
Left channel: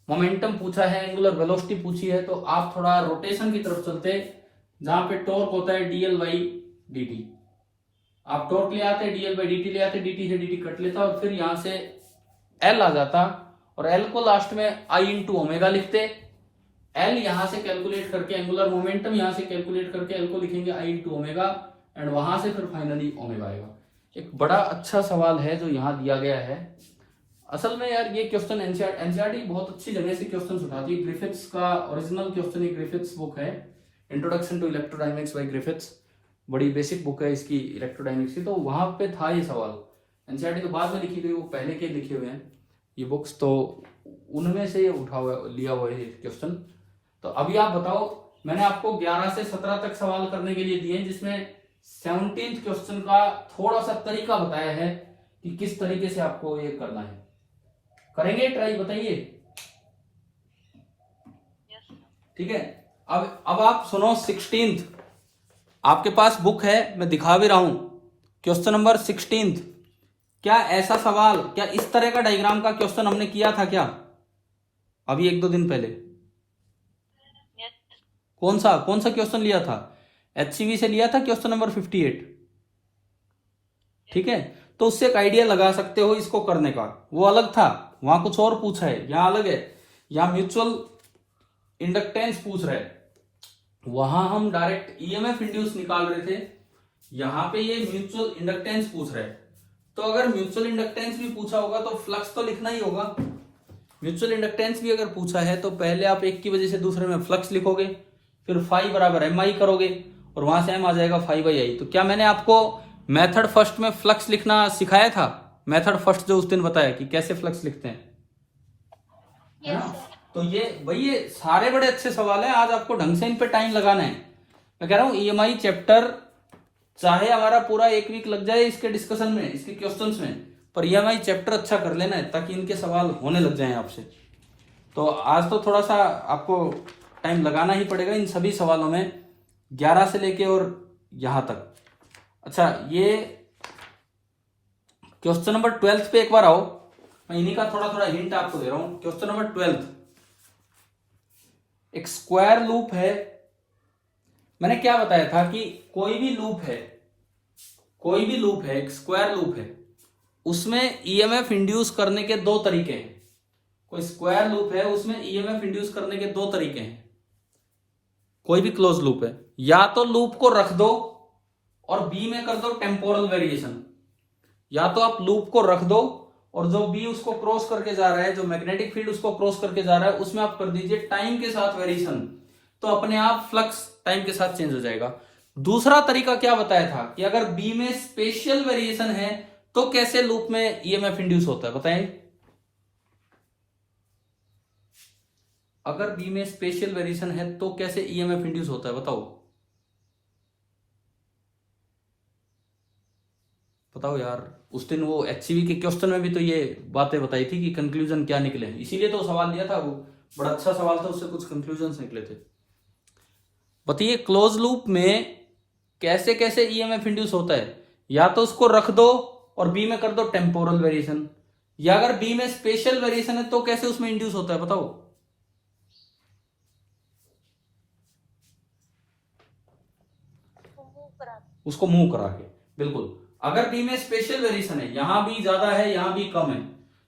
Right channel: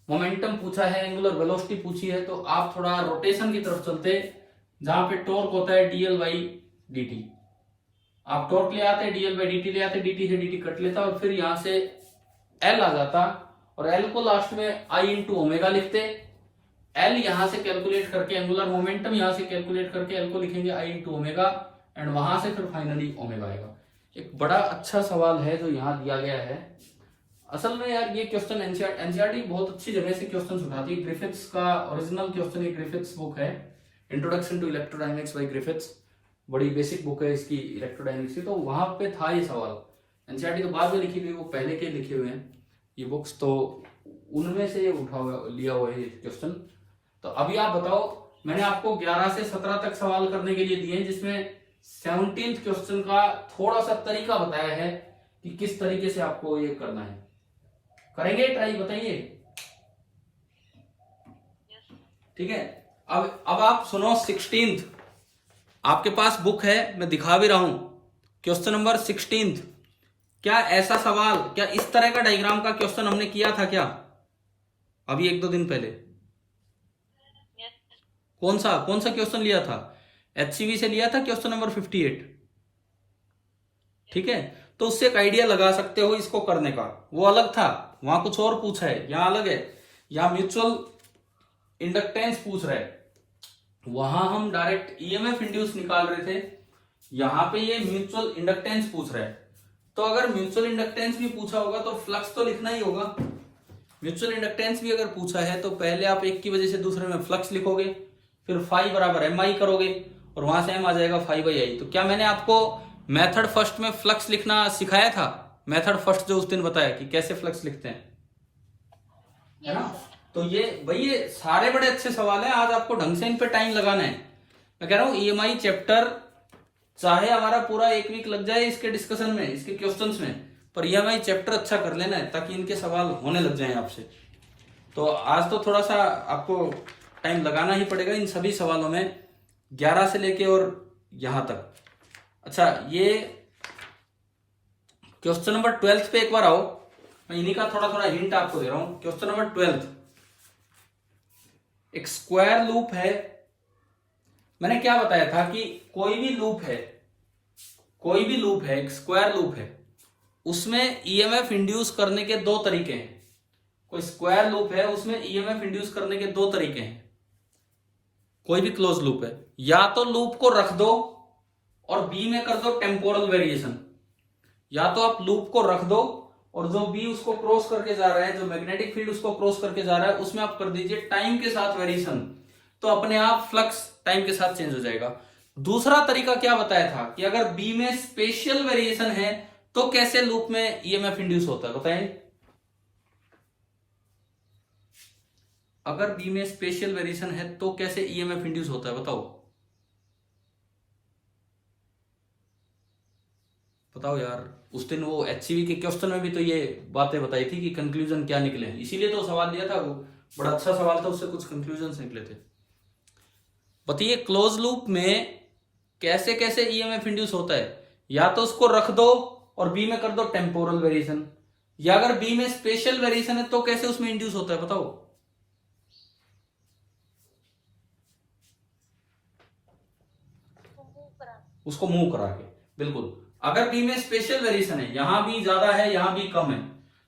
मोमेंटम पूछा है, एंगुलर वेलोसिटी पूछी है, तो आप थोड़ा रोटेशन की तरफ चलते, जहां पे टॉर्क होता है dl बाई dt। आप टॉर्क ले आते, dl बाई dt ले आते, dt से dt कट लेता और फिर यहां से L आ जाता, और L को लास्ट में I इंटू ओमेगा लिखते। L यहां से कैलकुलेट करके, एंगुलर मोमेंटम यहां से कैलकुलेट करके L को लिखेंगे I इंटू ओमेगा, एंड वहां से फिर फाइनली ओमेगा आएगा। एक बड़ा अच्छा सवाल है जो यहाँ दिया गया है। असल में यार ये क्वेश्चन एनसीईआरटी बहुत अच्छी जगह से क्वेश्चन उठाती है। ग्रिफिथ्स का ओरिजिनल क्वेश्चन, ये ग्रिफिथ्स बुक है, introduction to electrodynamics by Griffiths, बड़ी बेसिक बुक है इसकी इलेक्ट्रोडायनेमिक्स की, तो वहां पे था ये सवाल। एनसीईआरटी तो बाद में लिखी गई, वो पहले के लिखे हुए हैं ये बुक्स, तो उनमें से ये उठा हुआ लिया हुआ है ये क्वेश्चन। तो अभी आप बताओ, मैंने आपको 11 से 17 तक सवाल करने के लिए दिए हैं, जिसमें 17th क्वेश्चन का थोड़ा सा तरीका बताया है कि किस तरीके से आपको ये करना है। करेंगे ट्राई, बताइए। ठीक है, अब आप सुनो 16th, आपके पास बुक है, मैं दिखा भी रहा हूं, क्वेश्चन नंबर 16th। क्या ऐसा सवाल, क्या इस तरह का डायग्राम का क्वेश्चन हमने किया था क्या अभी 1-2 दिन पहले? कौन सा क्वेश्चन लिया था? HCV से लिया था क्वेश्चन नंबर 58। ठीक है, तो उससे एक आइडिया लगा सकते हो इसको करने का। वो अलग था, वहां कुछ और पूछा है, यहां अलग है। यहां म्यूचुअल इंडक्टेंस पूछ रहे, वहां हम डायरेक्ट EMF इंड्यूस निकाल रहे थे, यहां पे ये म्यूचुअल इंडक्टेंस पूछ रहा है। तो अगर म्यूचुअल इंडक्टेंस भी पूछा होगा तो फ्लक्स तो लिखना ही होगा। म्यूचुअल इंडक्टेंस भी अगर पूछा है तो पहले आप एक की वजह से दूसरे में फ्लक्स लिखोगे, फिर फाई बराबर MI करोगे, और वहां से M आ जाएगा फाई बाई आई। तो क्या मैंने आपको मेथड फर्स्ट में फ्लक्स लिखना सिखाया था? मेथड फर्स्ट जो उस दिन बताया कि कैसे फ्लक्स लिखते हैं, है ना? तो ये वही सारे बड़े अच्छे सवाल हैं, आज आपको ढंग से इन पे टाइम लगाना है। मैं कह रहा हूं EMI चैप्टर चाहे हमारा पूरा 1 वीक लग जाए इसके डिस्कशन में, इसके क्वेश्चंस में, पर EMI चैप्टर अच्छा कर लेना है ताकि इनके सवाल होने लग जाएं आपसे। तो आज तो थोड़ा सा आपको टाइम लगाना ही पड़ेगा इन सभी सवालों में, 11 से लेके और यहां तक। अच्छा, ये क्वेश्चन नंबर 12 पे एक बार आओ, मैं इन्हीं का थोड़ा थोड़ा हिंट आपको दे रहा हूं। क्वेश्चन नंबर 12, एक स्क्वायर लूप है। मैंने क्या बताया था कि कोई भी लूप है, एक स्क्वायर लूप है, उसमें EMF इंड्यूस करने के 2 तरीके हैं। कोई स्क्वायर लूप है, उसमें EMF इंड्यूस करने के 2 तरीके हैं। कोई भी क्लोज लूप है, या तो लूप को रख दो और बी में कर दो टेम्पोरल वेरिएशन, या तो आप लूप को रख दो और जो बी उसको क्रॉस करके जा रहा है, जो मैग्नेटिक फील्ड उसको क्रॉस करके जा रहा है, उसमें आप कर दीजिए टाइम के साथ वेरिएशन, तो अपने आप फ्लक्स टाइम के साथ चेंज हो जाएगा। दूसरा तरीका क्या बताया था कि अगर बी में स्पेशल वेरिएशन है तो कैसे लूप में EMF इंड्यूस होता है, बताइए। अगर बी में स्पेशल वेरिएशन है तो कैसे EMF इंड्यूस होता है, बताओ यार। उस दिन वो HCV के क्वेश्चन में भी तो ये बातें बताई थी कि कंक्लूजन क्या निकले, इसीलिए तो सवाल दिया था, वो बड़ा अच्छा सवाल था, उससे कुछ कंक्लूजन निकले थे। बताइए क्लोज लूप में कैसे कैसे EMF इंड्यूस होता है? या तो उसको रख दो और बी में कर दो टेम्पोरल वेरिएशन, या अगर बी में स्पेशल वेरिएशन है तो कैसे उसमें इंड्यूस होता है, बताओ। करा उसको मूव करा के, बिल्कुल। अगर बी में स्पेशल वेरिएशन है, यहां भी ज्यादा है यहां भी कम है,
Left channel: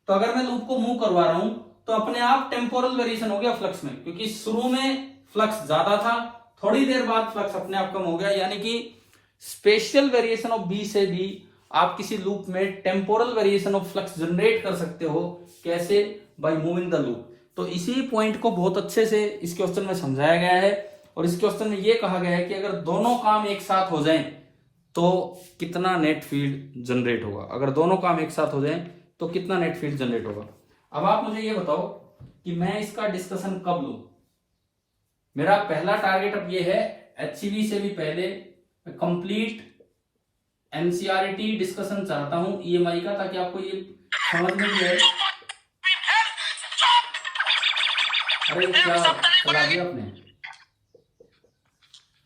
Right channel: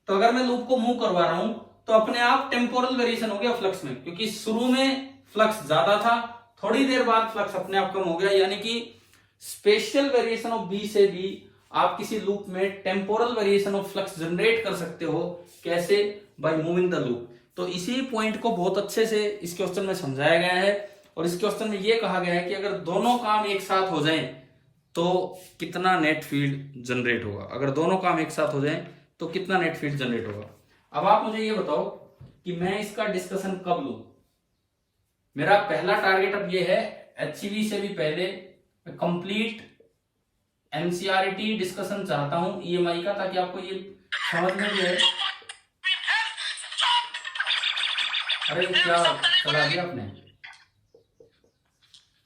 तो अगर मैं लूप को मूव करवा रहा हूं तो अपने आप टेम्पोरल वेरिएशन हो गया फ्लक्स में, क्योंकि शुरू में फ्लक्स ज्यादा था, थोड़ी देर बाद फ्लक्स अपने आप कम हो गया। यानी कि स्पेशल वेरिएशन ऑफ बी से भी आप किसी लूप में temporal variation of flux generate कर सकते हो। कैसे? By moving the loop. तो इसी पॉइंट को बहुत अच्छे से इस क्वेश्चन में समझाया गया है, और इस क्वेश्चन में यह कहा गया है कि अगर दोनों काम एक साथ हो जाएं तो कितना नेट फील्ड जनरेट होगा। अगर दोनों काम एक साथ हो जाएं तो कितना नेट फील्ड जनरेट होगा। अब आप मुझे ये बताओ कि मैं इसका डिस्कशन कब लूं। मेरा पहला टारगेट अब ये है, एचईवी से भी पहले कंप्लीट एनसीईआरटी डिस्कशन चाहता हूं ईएमआई का, ताकि आपको ये समझ में भी आए। अरे क्या चला दिया आपने?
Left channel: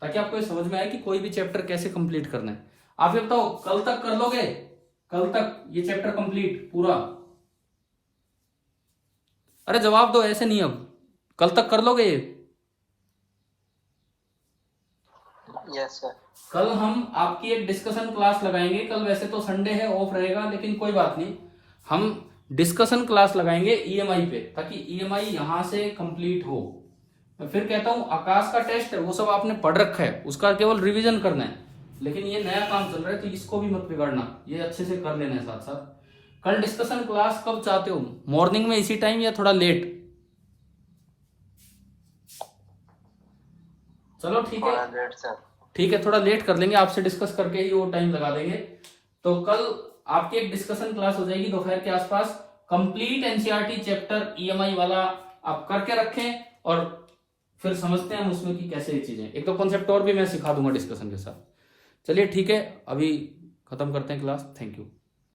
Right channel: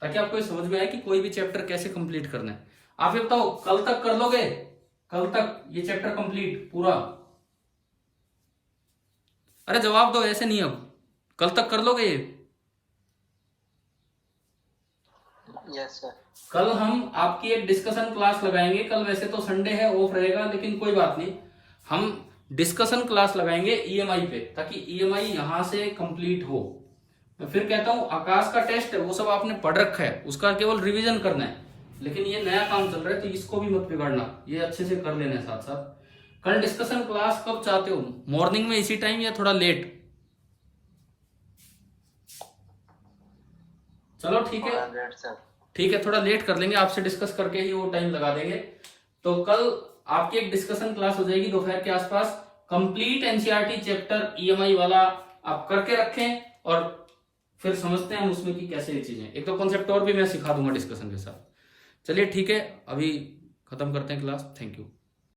ताकि आपको ये समझ में आए कि कोई भी चैप्टर कैसे कंप्लीट करना है। आप ये बताओ, कल तक कर लोगे? कल तक ये चैप्टर कंप्लीट पूरा? अरे जवाब दो, ऐसे नहीं। अब कल तक कर लोगे ये? Yes sir. कल हम आपकी एक डिस्कशन क्लास लगाएंगे। कल वैसे तो संडे है, ऑफ रहेगा, लेकिन कोई बात नहीं, हम डिस्कशन क्लास लगाएंगे ईएमआई पे, ताकि ईएमआई यहां से कंप्लीट हो। मैं फिर कहता हूं, आकाश का टेस्ट है वो सब आपने पढ़ रखा है, उसका केवल रिवीजन करना है, लेकिन ये नया काम चल रहा है तो इसको भी मत बिगाड़ना, ये अच्छे से कर लेना है साथ साथ। कल डिस्कशन क्लास कब चाहते हो? मॉर्निंग में इसी टाइम या थोड़ा लेट? चलो ठीक है, ठीक है, थोड़ा लेट कर लेंगे, आपसे डिस्कस करके ही वो टाइम लगा देंगे। तो कल आपकी एक डिस्कशन क्लास हो जाएगी दोपहर के आसपास। कंप्लीट एनसीईआरटी चैप्टर ईएमआई वाला आप करके रखें, और फिर समझते हैं हम उसमें कि कैसे ये चीजें, एक तो कॉन्सेप्ट और भी मैं सिखा दूंगा डिस्कशन के साथ। चलिए ठीक है, अभी खत्म करते हैं क्लास। Thank you.